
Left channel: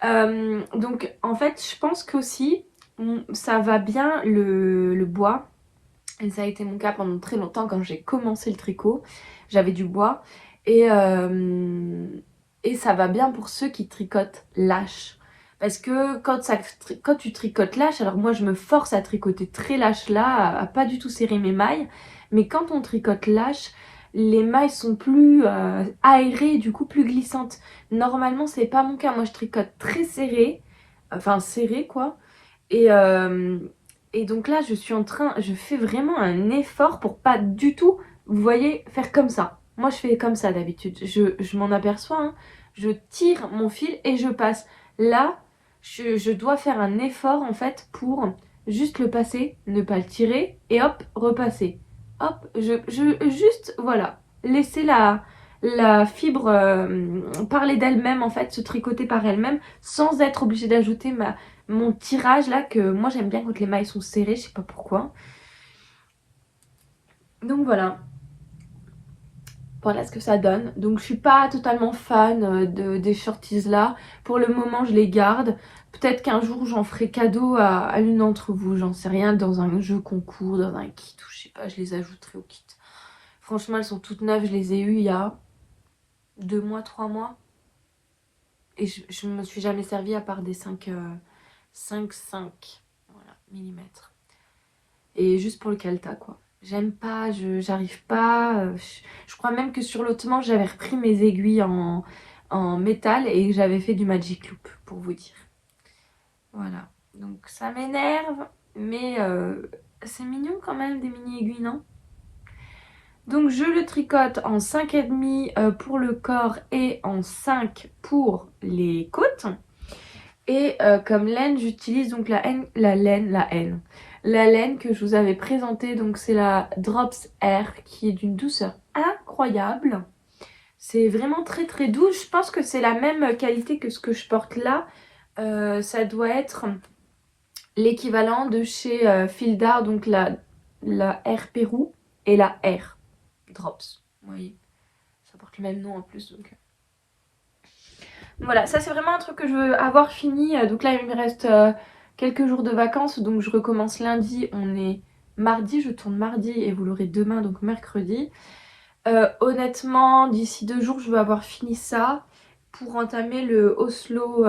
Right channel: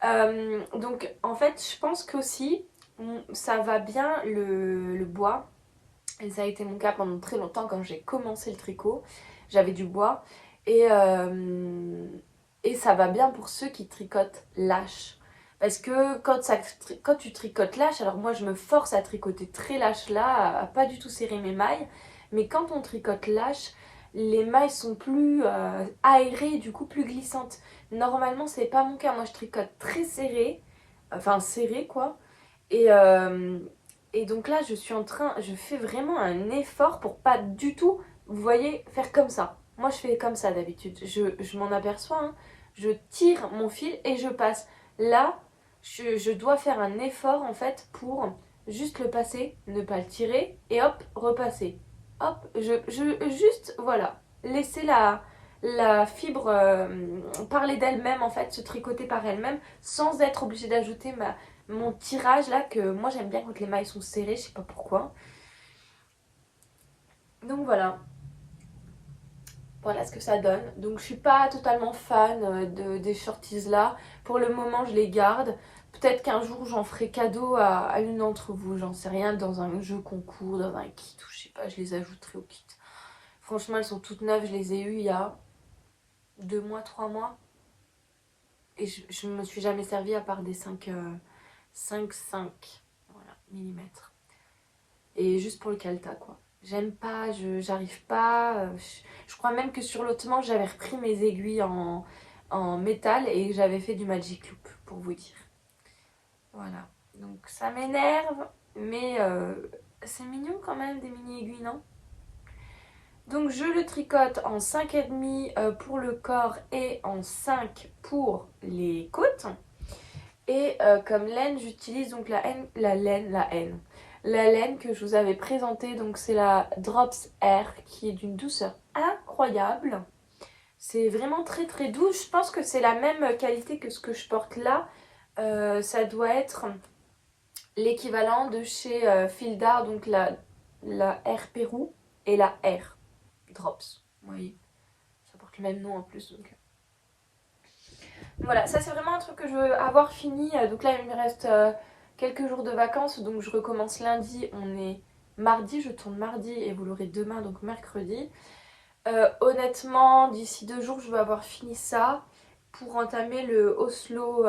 Donc, en fait, je pense qu'aussi... ça va bien le bois, et ça a été mon cas pendant très longtemps quand j'ai commencé le tricot, j'avais du bois, et ça va bien pour ceux qui tricotent lâche, parce que quand tu tricotes lâche, alors moi je me force à tricoter très lâche là, à pas du tout serrer mes mailles, mais quand on tricote lâche, les mailles sont plus aérées, du coup plus glissantes. Normalement c'est pas mon cas, moi je tricote très serré, enfin serré quoi. Et donc là, je fais vraiment un effort pour pas du tout, vous voyez, faire comme ça. Moi, je fais comme ça d'habitude. Je m'en aperçois, hein. Je tire mon fil et je passe. Là, je dois faire un effort en fait pour juste le passer, ne pas le tirer et hop, repasser. Hop, juste, voilà, laisser la fibre parler d'elle-même en fait, se tricoter par elle-même sans être obligée d'ajouter mon tirage là, que moi j'aime bien quand les mailles sont serrées, je sais pas pourquoi. Donc voilà. Voilà ce que ça donne. Donc je suis pas totalement fan des shorties là. Pour le moment je les garde. Peut-être qu'un jour j'en ferai cadeau à l'une d'entre vous, j'en sais rien, dans un jeu concours, dans un kit ou je sais pas, je les ajouterai au kit. Franchement elles sont toutes neuves, je les ai eues il y a 2 mois, 3 mois. Et je me suis jamais servie à part des 5 voilà, millimètres. Et juste pour le calta quoi. J'aime pas, j'arrive pas. Je crois même que sur l'autre manche j'avais repris mes aiguilles en métal et j'avais fait du magic loop pour vous dire. Voilà, donc ça m'énerve, mais c'est mignon quand même des mini aiguilles, non? Donc je le tricote en 5,5 pour le corps et en 5 pour les côtes. Et comme laine, j'utilise donc la laine que je vous avais présentée. Donc c'est la Drops Air qui est d'une douceur incroyable. C'est vraiment très très doux. Je pense que c'est la même qualité que ce que je porte là. Ça doit être l'équivalent de chez Fildar, donc la Air Pérou et la Air Drops. Vous voyez, ça porte le même nom en plus. Donc voilà, ça c'est vraiment un truc que je veux avoir fini. Donc là il me reste quelques jours de vacances, donc je recommence lundi. On est mardi, je tourne mardi et vous l'aurez demain, donc mercredi. Honnêtement, d'ici 2 jours, je veux avoir fini ça pour entamer le Oslo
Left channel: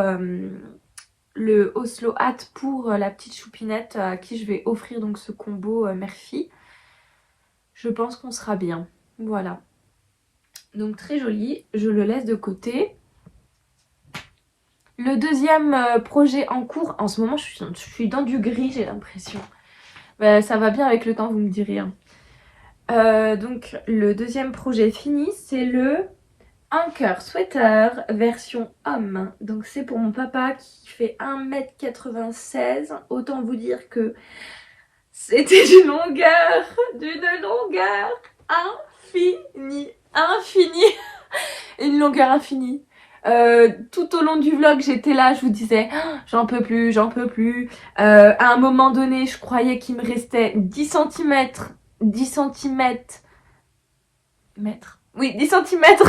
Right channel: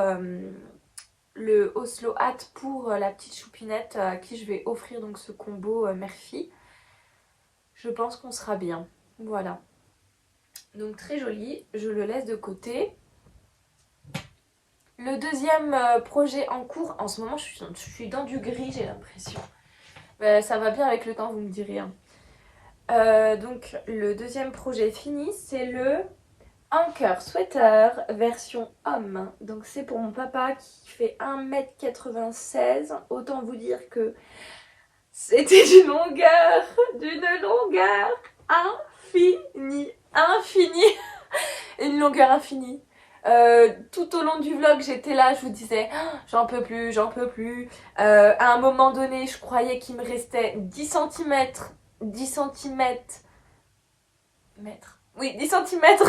Hat pour la petite choupinette à qui je vais offrir donc ce combo mère-fille. Je pense qu'on sera bien. Voilà. Donc très joli, je le laisse de côté. Le deuxième projet en cours, en ce moment je suis dans du gris, j'ai l'impression. Ça va bien avec le temps, vous me direz. Hein. Donc le deuxième projet fini, c'est le un cœur sweater version homme. Donc c'est pour mon papa qui fait 1,96 m. Autant vous dire que c'était d'une longueur infinie, infinie, une longueur infinie. Tout au long du vlog, j'étais là, je vous disais, oh, j'en peux plus, j'en peux plus. À un moment donné, je croyais qu'il me restait 10 centimètres, 10 centimètres, oui, 10 centimètres.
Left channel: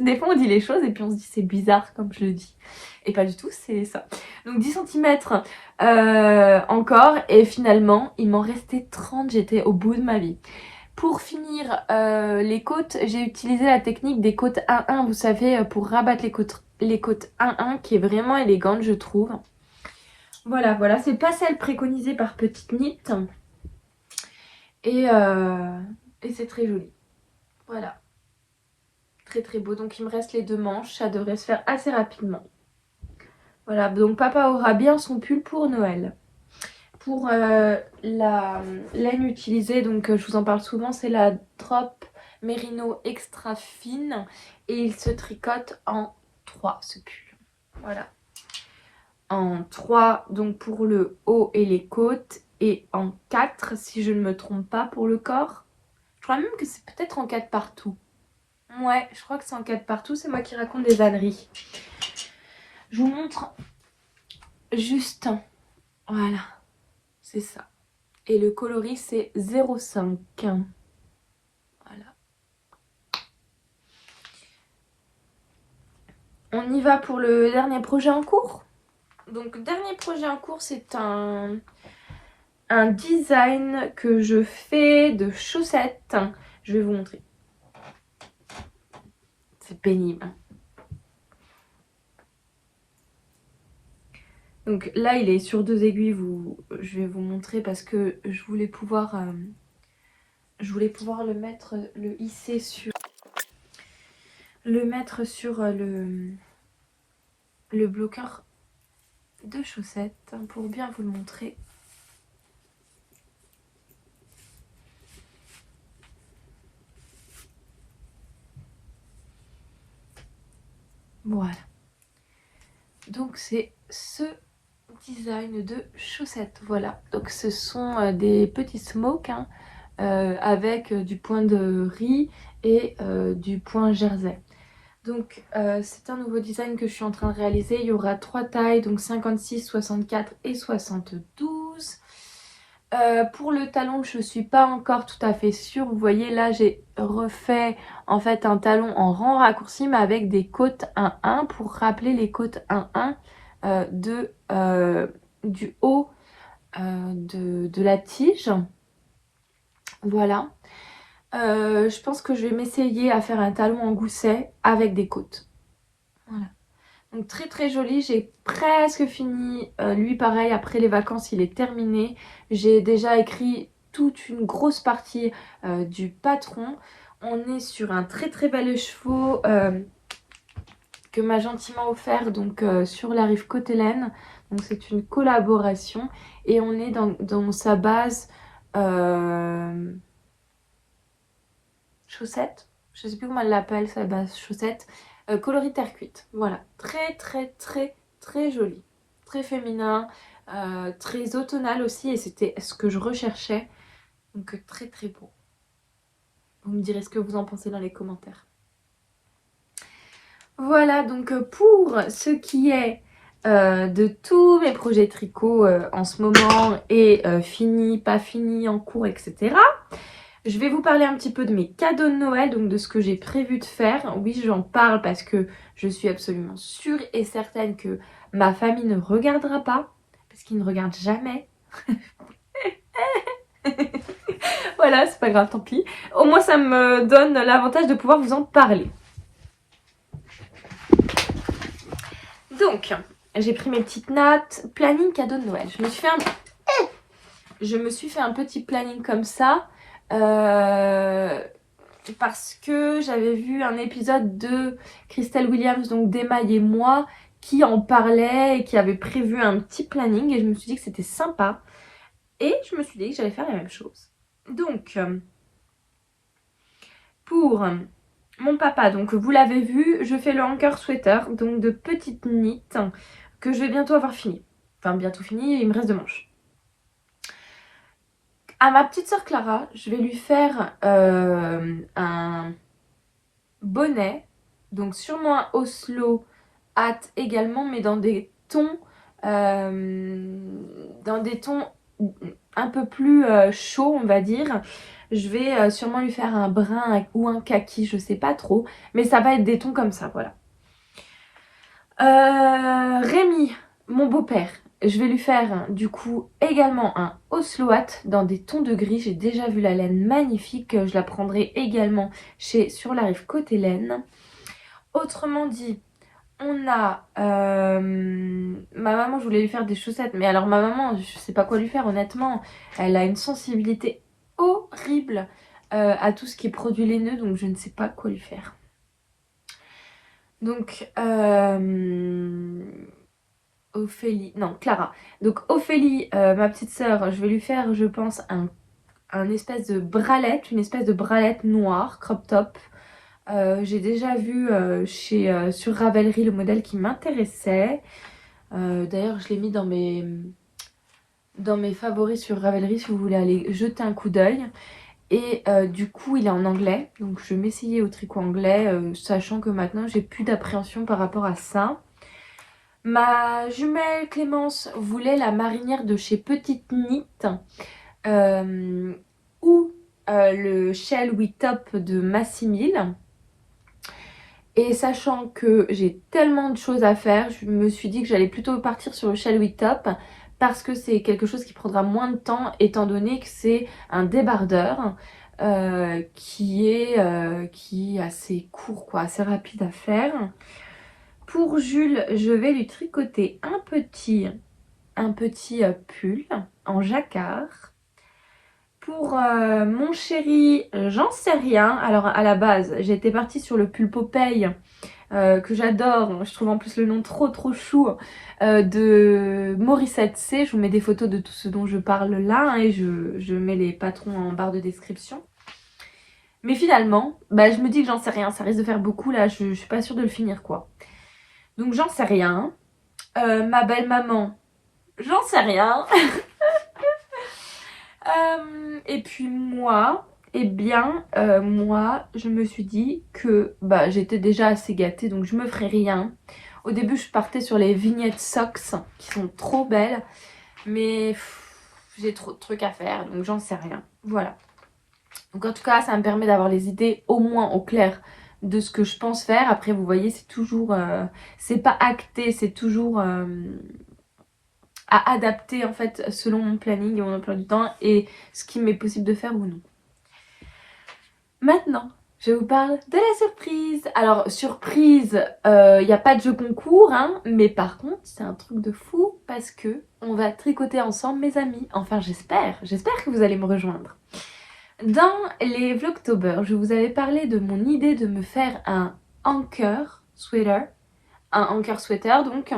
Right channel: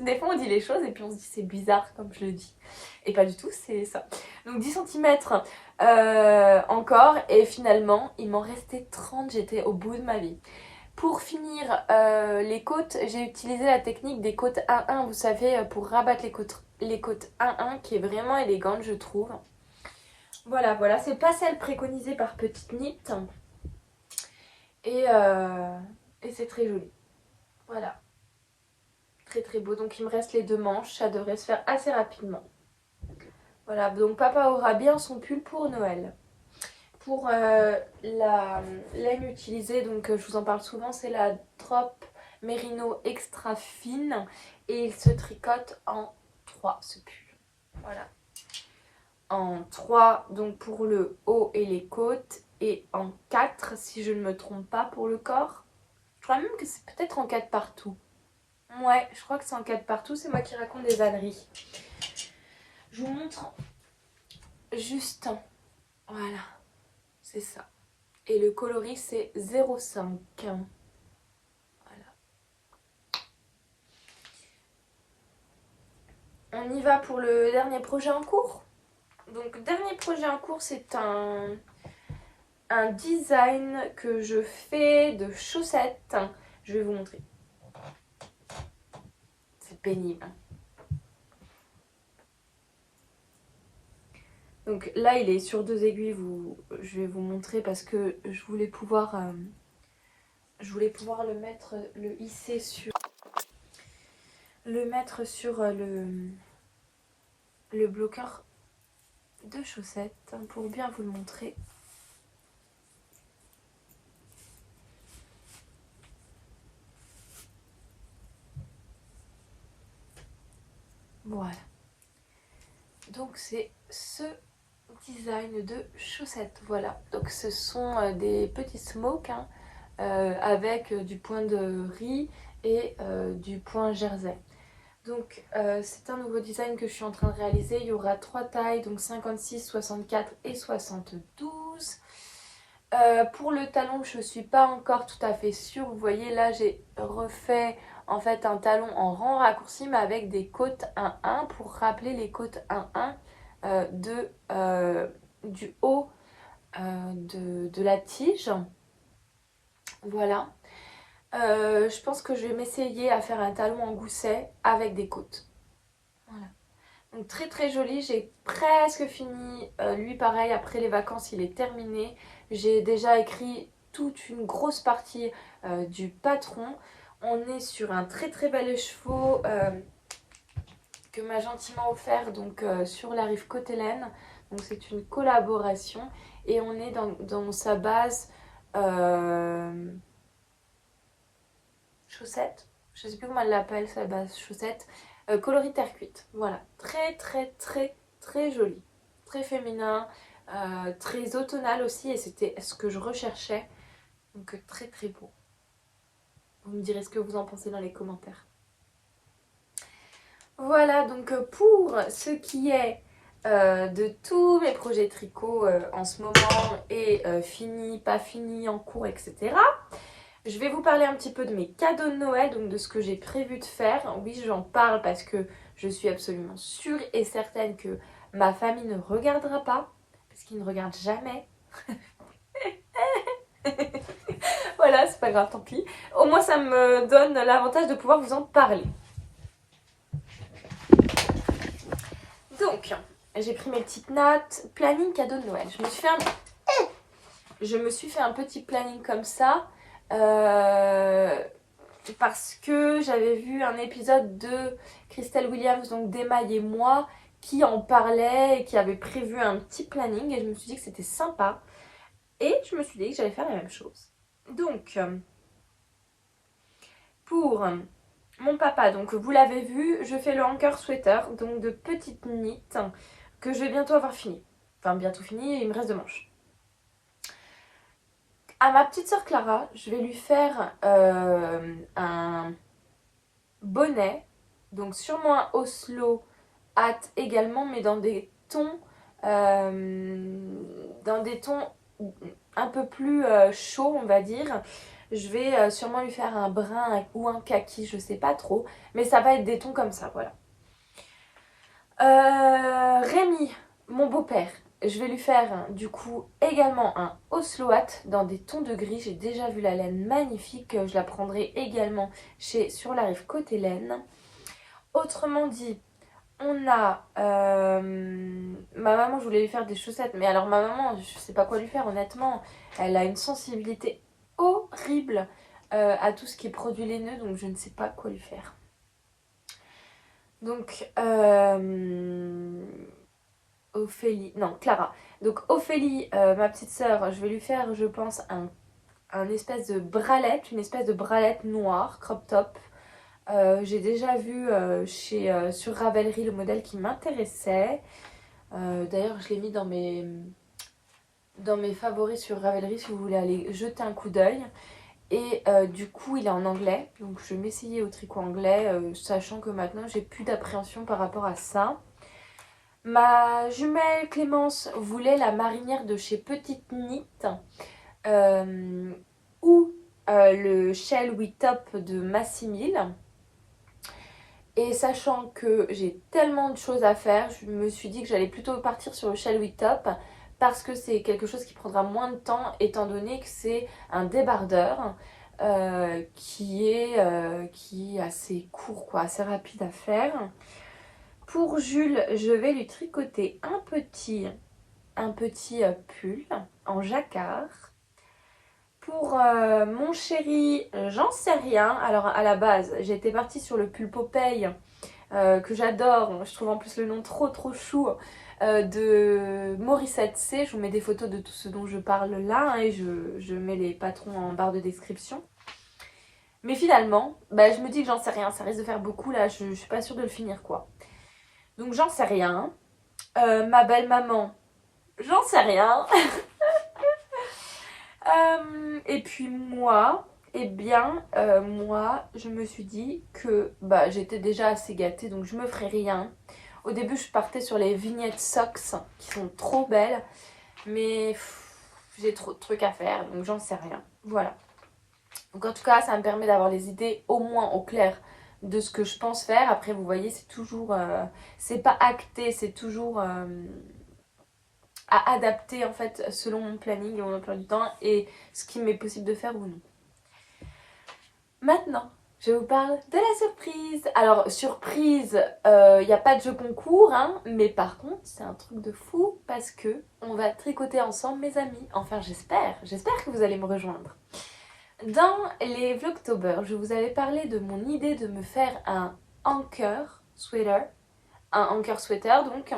Des fois, on dit les choses et puis on se dit c'est bizarre comme je le dis. Et pas du tout, c'est ça. Donc 10 centimètres encore. Et finalement, il m'en restait 30. J'étais au bout de ma vie. Pour finir les côtes, j'ai utilisé la technique des côtes 1-1. Vous savez, pour rabattre les côtes 1-1 qui est vraiment élégante, je trouve. Voilà, voilà. C'est pas celle préconisée par Petite Knit. Et c'est très joli. Voilà. Très très beau. Donc il me reste les 2 manches. Ça devrait se faire assez rapidement. Voilà. Donc papa aura bien son pull pour Noël. Pour la laine utilisée, donc je vous en parle souvent, c'est la Drop Merino extra fine. Et il se tricote en 3 ce pull. Voilà. En 3 donc pour le haut et les côtes. Et en 4 si je ne me trompe pas pour le corps. Je crois même que c'est peut-être en 4 partout. Ouais, je crois que c'est en 4 partout, c'est moi qui raconte des âneries. Je vous montre juste. Voilà, c'est ça. Et le coloris c'est 0,5. Voilà. On y va pour le dernier projet en cours. Donc dernier projet en cours, c'est un design que je fais de chaussettes. Je vais vous montrer. C'est pénible. Donc là, il est sur 2 aiguilles. Je vais vous montrer parce que je voulais pouvoir le mettre, le hisser sur... Le mettre sur le bloqueur de chaussettes pour bien vous le montrer. Voilà. Donc c'est ce design de chaussettes. Voilà. Donc ce sont des petits smokes hein, avec du point de riz et du point jersey. Donc c'est un nouveau design que je suis en train de réaliser. Il y aura 3 tailles, donc 56, 64 et 72. Pour le talon, je ne suis pas encore tout à fait sûre. Vous voyez là, j'ai refait en fait un talon en rang raccourci mais avec des côtes 1-1 pour rappeler les côtes 1-1 du haut de la tige. Voilà. Je pense que je vais m'essayer à faire un talon en gousset avec des côtes. Voilà. Donc très très joli, j'ai presque fini, lui pareil, après les vacances il est terminé. J'ai déjà écrit toute une grosse partie du patron. On est sur un très très bel écheveau que m'a gentiment offert donc sur la rive Côte-Hélène. Donc c'est une collaboration et on est dans sa base chaussette. Je sais plus comment elle l'appelle, sa base chaussette. Coloris terre cuite, voilà, très très très très joli, très féminin, très automnal aussi et c'était ce que je recherchais, donc très très beau. Vous me direz ce que vous en pensez dans les commentaires. Voilà donc pour ce qui est de tous mes projets tricot en ce moment et fini, pas fini, en cours, etc. Je vais vous parler un petit peu de mes cadeaux de Noël, donc de ce que j'ai prévu de faire. Oui, j'en parle parce que je suis absolument sûre et certaine que ma famille ne regardera pas, parce qu'ils ne regardent jamais. Voilà, c'est pas grave, tant pis. Au moins, ça me donne l'avantage de pouvoir vous en parler. Donc, j'ai pris mes petites notes. Planning cadeau de Noël. Je me suis fait un petit planning comme ça. Parce que j'avais vu un épisode de Christelle Williams, donc d'Emaille et moi, qui en parlait et qui avait prévu un petit planning et je me suis dit que c'était sympa et je me suis dit que j'allais faire la même chose. Donc pour mon papa, donc vous l'avez vu, je fais le Anchor Sweater, donc de petites knits que je vais bientôt avoir fini. Enfin bientôt fini, il me reste 2 manches. À ma petite sœur Clara, je vais lui faire un bonnet, donc sûrement un Oslo hat également, mais dans des tons un peu plus chauds, on va dire. Je vais sûrement lui faire un brun ou un kaki, je sais pas trop, mais ça va être des tons comme ça, voilà. Rémi, mon beau-père, je vais lui faire du coup également un Oslo hat dans des tons de gris. J'ai déjà vu la laine magnifique, je la prendrai également chez Sur la Rive côté laine. Autrement dit, on a ma maman, je voulais lui faire des chaussettes, mais alors ma maman, je sais pas quoi lui faire honnêtement. Elle a une sensibilité horrible à tout ce qui est produit laineux, donc je ne sais pas quoi lui faire. Donc Clara. Donc Ophélie, ma petite sœur, je vais lui faire, je pense, un espèce de bralette, une espèce de bralette noire, crop top. J'ai déjà vu sur Ravelry le modèle qui m'intéressait. D'ailleurs, je l'ai mis dans mes favoris sur Ravelry si vous voulez aller jeter un coup d'œil. Et du coup, il est en anglais. Donc, je vais m'essayer au tricot anglais, sachant que maintenant, j'ai plus d'appréhension par rapport à ça. Ma jumelle Clémence voulait la marinière de chez Petite Knit ou le Shell We Top de Massimil. Et sachant que j'ai tellement de choses à faire, je me suis dit que j'allais plutôt partir sur le Shell We Top parce que c'est quelque chose qui prendra moins de temps étant donné que c'est un débardeur qui est assez court, quoi, assez rapide à faire. Pour Jules, je vais lui tricoter un petit pull en jacquard. Pour mon chéri, j'en sais rien. Alors à la base, j'étais partie sur le pull Popeye que j'adore. Je trouve en plus le nom trop chou de Morissette C. Je vous mets des photos de tout ce dont je parle là hein, et je mets les patrons en barre de description. Mais finalement, bah, je me dis que j'en sais rien. Ça risque de faire beaucoup là. Je suis pas sûre de le finir quoi. Donc j'en sais rien. Ma belle maman, j'en sais rien. Et puis moi, eh bien, moi, je me suis dit que bah, j'étais déjà assez gâtée, donc je me ferais rien. Au début, je partais sur les vignettes socks, qui sont trop belles, mais j'ai trop de trucs à faire, donc j'en sais rien. Voilà. Donc en tout cas, ça me permet d'avoir les idées au moins au clair de ce que je pense faire. Après, vous voyez, c'est toujours... c'est pas acté, c'est toujours... à adapter en fait selon mon planning et mon emploi du temps et ce qui m'est possible de faire ou non. Maintenant, je vous parle de la surprise. Alors, surprise, il n'y a pas de jeu concours, hein, mais par contre, c'est un truc de fou parce que on va tricoter ensemble, mes amis. Enfin, j'espère que vous allez me rejoindre. Dans les Vlogtober, je vous avais parlé de mon idée de me faire un anchor sweater, donc,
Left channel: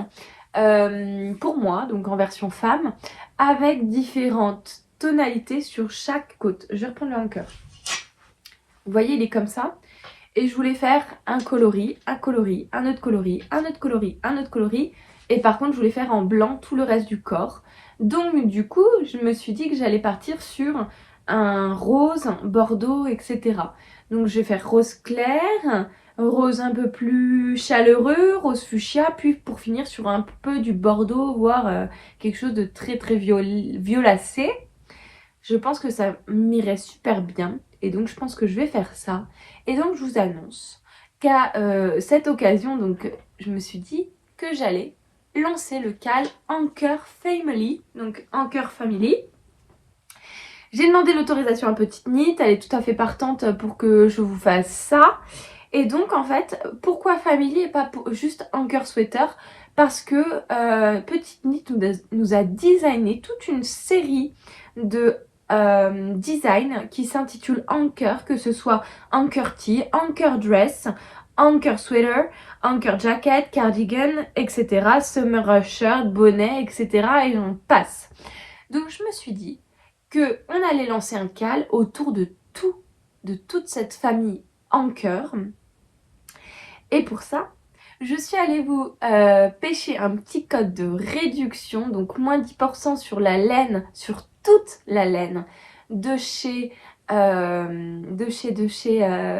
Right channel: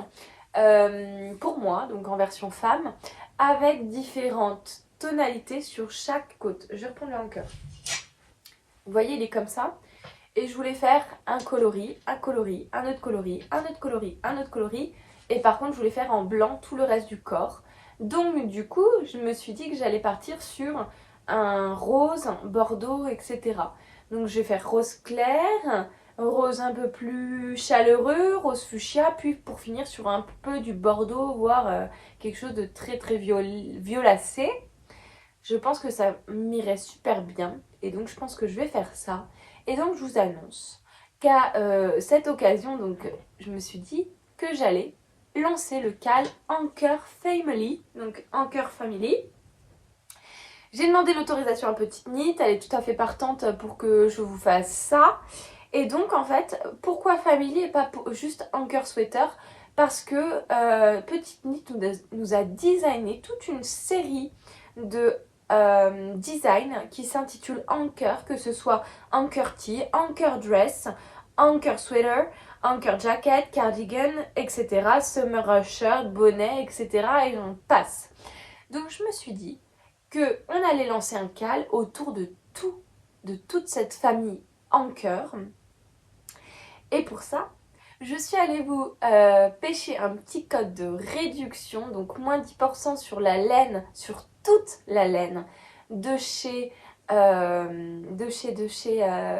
pour moi, donc en version femme, avec différentes tonalités sur chaque côte. Je vais reprendre le anchor. Vous voyez, il est comme ça. Et je voulais faire un coloris, un coloris, un autre coloris, un autre coloris, un autre coloris. Et par contre, je voulais faire en blanc tout le reste du corps. Donc, du coup, je me suis dit que j'allais partir sur un rose, bordeaux, etc. Donc, je vais faire rose clair, rose un peu plus chaleureux, rose fuchsia, puis pour finir sur un peu du bordeaux, voire quelque chose de très violacé. Je pense que ça m'irait super bien et donc je pense que je vais faire ça. Et donc je vous annonce qu'à cette occasion, donc je me suis dit que j'allais lancer le cal Anchor Family, donc Anchor Family. J'ai demandé l'autorisation à Petite Knit, elle est tout à fait partante pour que je vous fasse ça. Et donc en fait, pourquoi Family et pas juste Anchor Sweater? Parce que Petite Knit nous a designé toute une série de design qui s'intitule Anchor, que ce soit Anchor Tee, Anchor Dress, Anchor Sweater, Anchor Jacket, Cardigan, etc. Summer Shirt, bonnet, etc. Et j'en passe. Donc je me suis dit qu'on allait lancer un cal autour de toute cette famille Anchor Et pour ça, je suis allée vous pêcher un petit code de réduction, donc moins 10% sur la laine, sur toute la laine de chez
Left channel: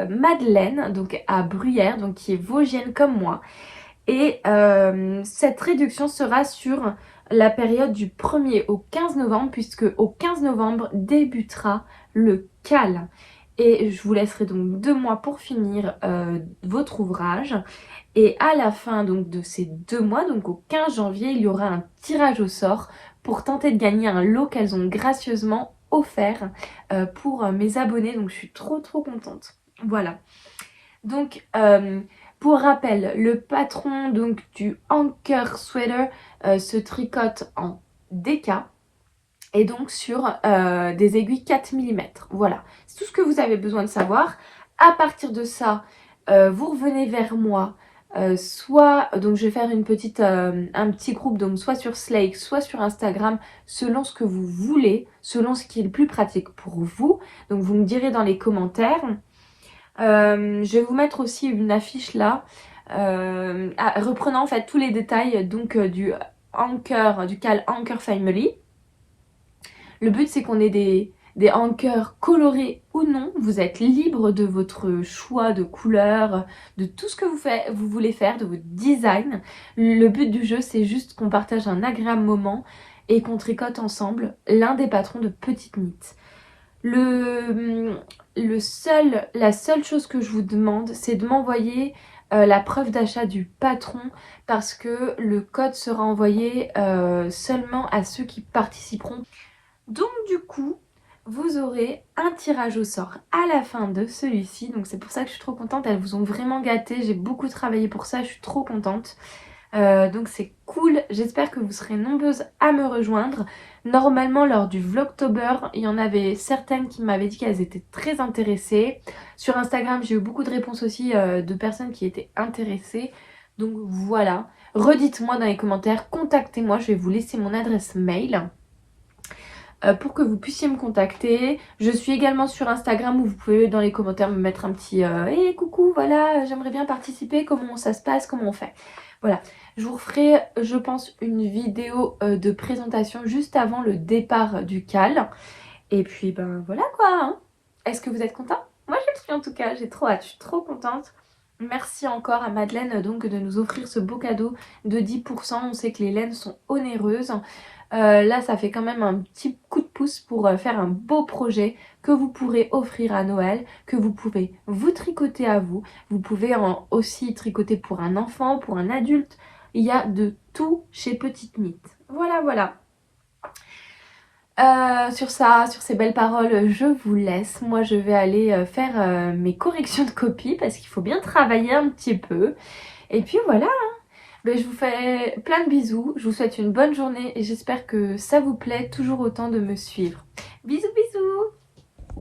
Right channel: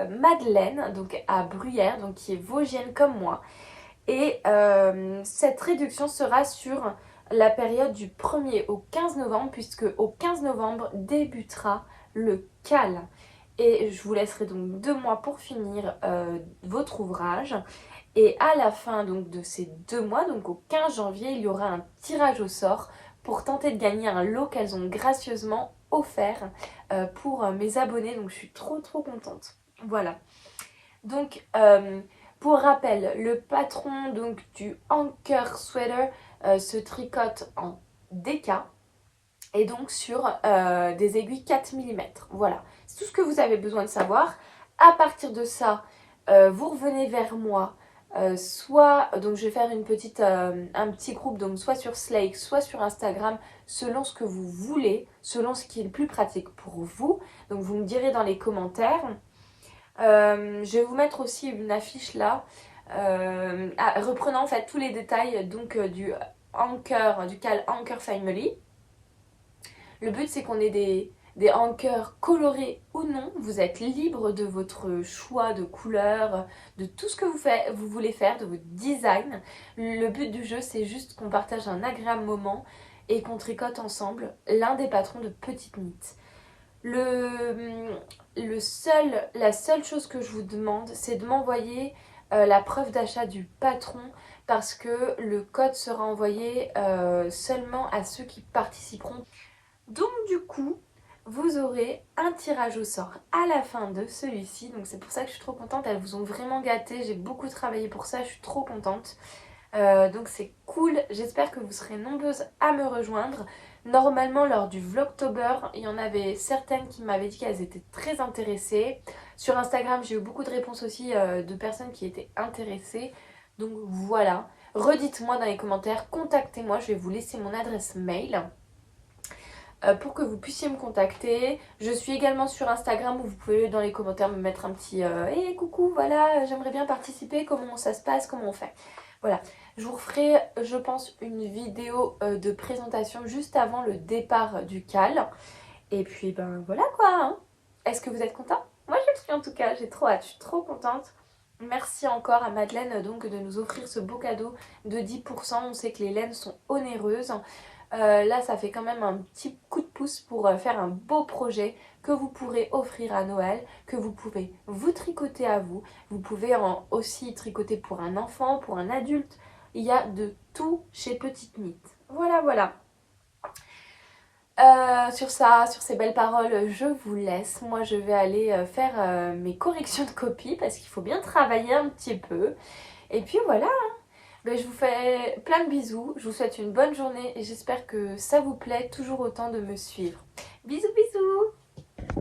Madeleine, donc à Bruyères, donc qui est vosgienne comme moi. Et cette réduction sera sur la période du 1er au 15 novembre, puisque au 15 novembre débutera le CAL. Et je vous laisserai donc 2 mois pour finir votre ouvrage. Et à la fin donc de ces 2 mois, donc au 15 janvier, il y aura un tirage au sort pour tenter de gagner un lot qu'elles ont gracieusement offert pour mes abonnés. Donc je suis trop contente. Voilà. Donc pour rappel, le patron donc du Anker Sweater se tricote en DK et donc sur des aiguilles 4 mm. Voilà, c'est tout ce que vous avez besoin de savoir. À partir de ça, vous revenez vers moi. Soit, donc je vais faire un petit groupe, donc soit sur Slake, soit sur Instagram, selon ce que vous voulez, selon ce qui est le plus pratique pour vous. Donc vous me direz dans les commentaires. Je vais vous mettre aussi une affiche là, reprenant en fait tous les détails donc du CAL Anker Family. Le but c'est qu'on ait des anchors colorés ou non. Vous êtes libre de votre choix de couleur, de tout ce que vous voulez faire, de votre design. Le but du jeu c'est juste qu'on partage un agréable moment et qu'on tricote ensemble l'un des patrons de Petite Knit. La seule chose que je vous demande, c'est de m'envoyer la preuve d'achat du patron parce que le code sera envoyé seulement à ceux qui participeront. Donc du coup, vous aurez un tirage au sort à la fin de celui-ci. Donc c'est pour ça que je suis trop contente, elles vous ont vraiment gâté. J'ai beaucoup travaillé pour ça, je suis trop contente. Donc c'est cool, j'espère que vous serez nombreuses à me rejoindre. Normalement lors du Vlogtober, il y en avait certaines qui m'avaient dit qu'elles étaient très intéressées. Sur Instagram j'ai eu beaucoup de réponses aussi de personnes qui étaient intéressées. Donc voilà, redites-moi dans les commentaires, contactez-moi, je vais vous laisser mon adresse mail pour que vous puissiez me contacter. Je suis également sur Instagram où vous pouvez dans les commentaires me mettre un petit hey, coucou, voilà, j'aimerais bien participer, comment ça se passe, comment on fait. Voilà, je vous referai, je pense, une vidéo de présentation juste avant le départ du CAL. Et puis, ben voilà quoi. Hein. Est-ce que vous êtes content? Moi, je le suis en tout cas. J'ai trop hâte, je suis trop contente. Merci encore à Madeleine donc de nous offrir ce beau cadeau de 10%. On sait que les laines sont onéreuses. Là, ça fait quand même un petit coup de pouce pour faire un beau projet que vous pourrez offrir à Noël, que vous pouvez vous tricoter à vous. Vous pouvez aussi tricoter pour un enfant, pour un adulte. Il y a de tout chez Petite Knit. Voilà, voilà. Sur ces belles paroles, je vous laisse. Moi, je vais aller faire mes corrections de copie parce qu'il faut bien travailler un petit peu. Et puis voilà. Ben, je vous fais plein de bisous, je vous souhaite une bonne journée et j'espère que ça vous plaît toujours autant de me suivre.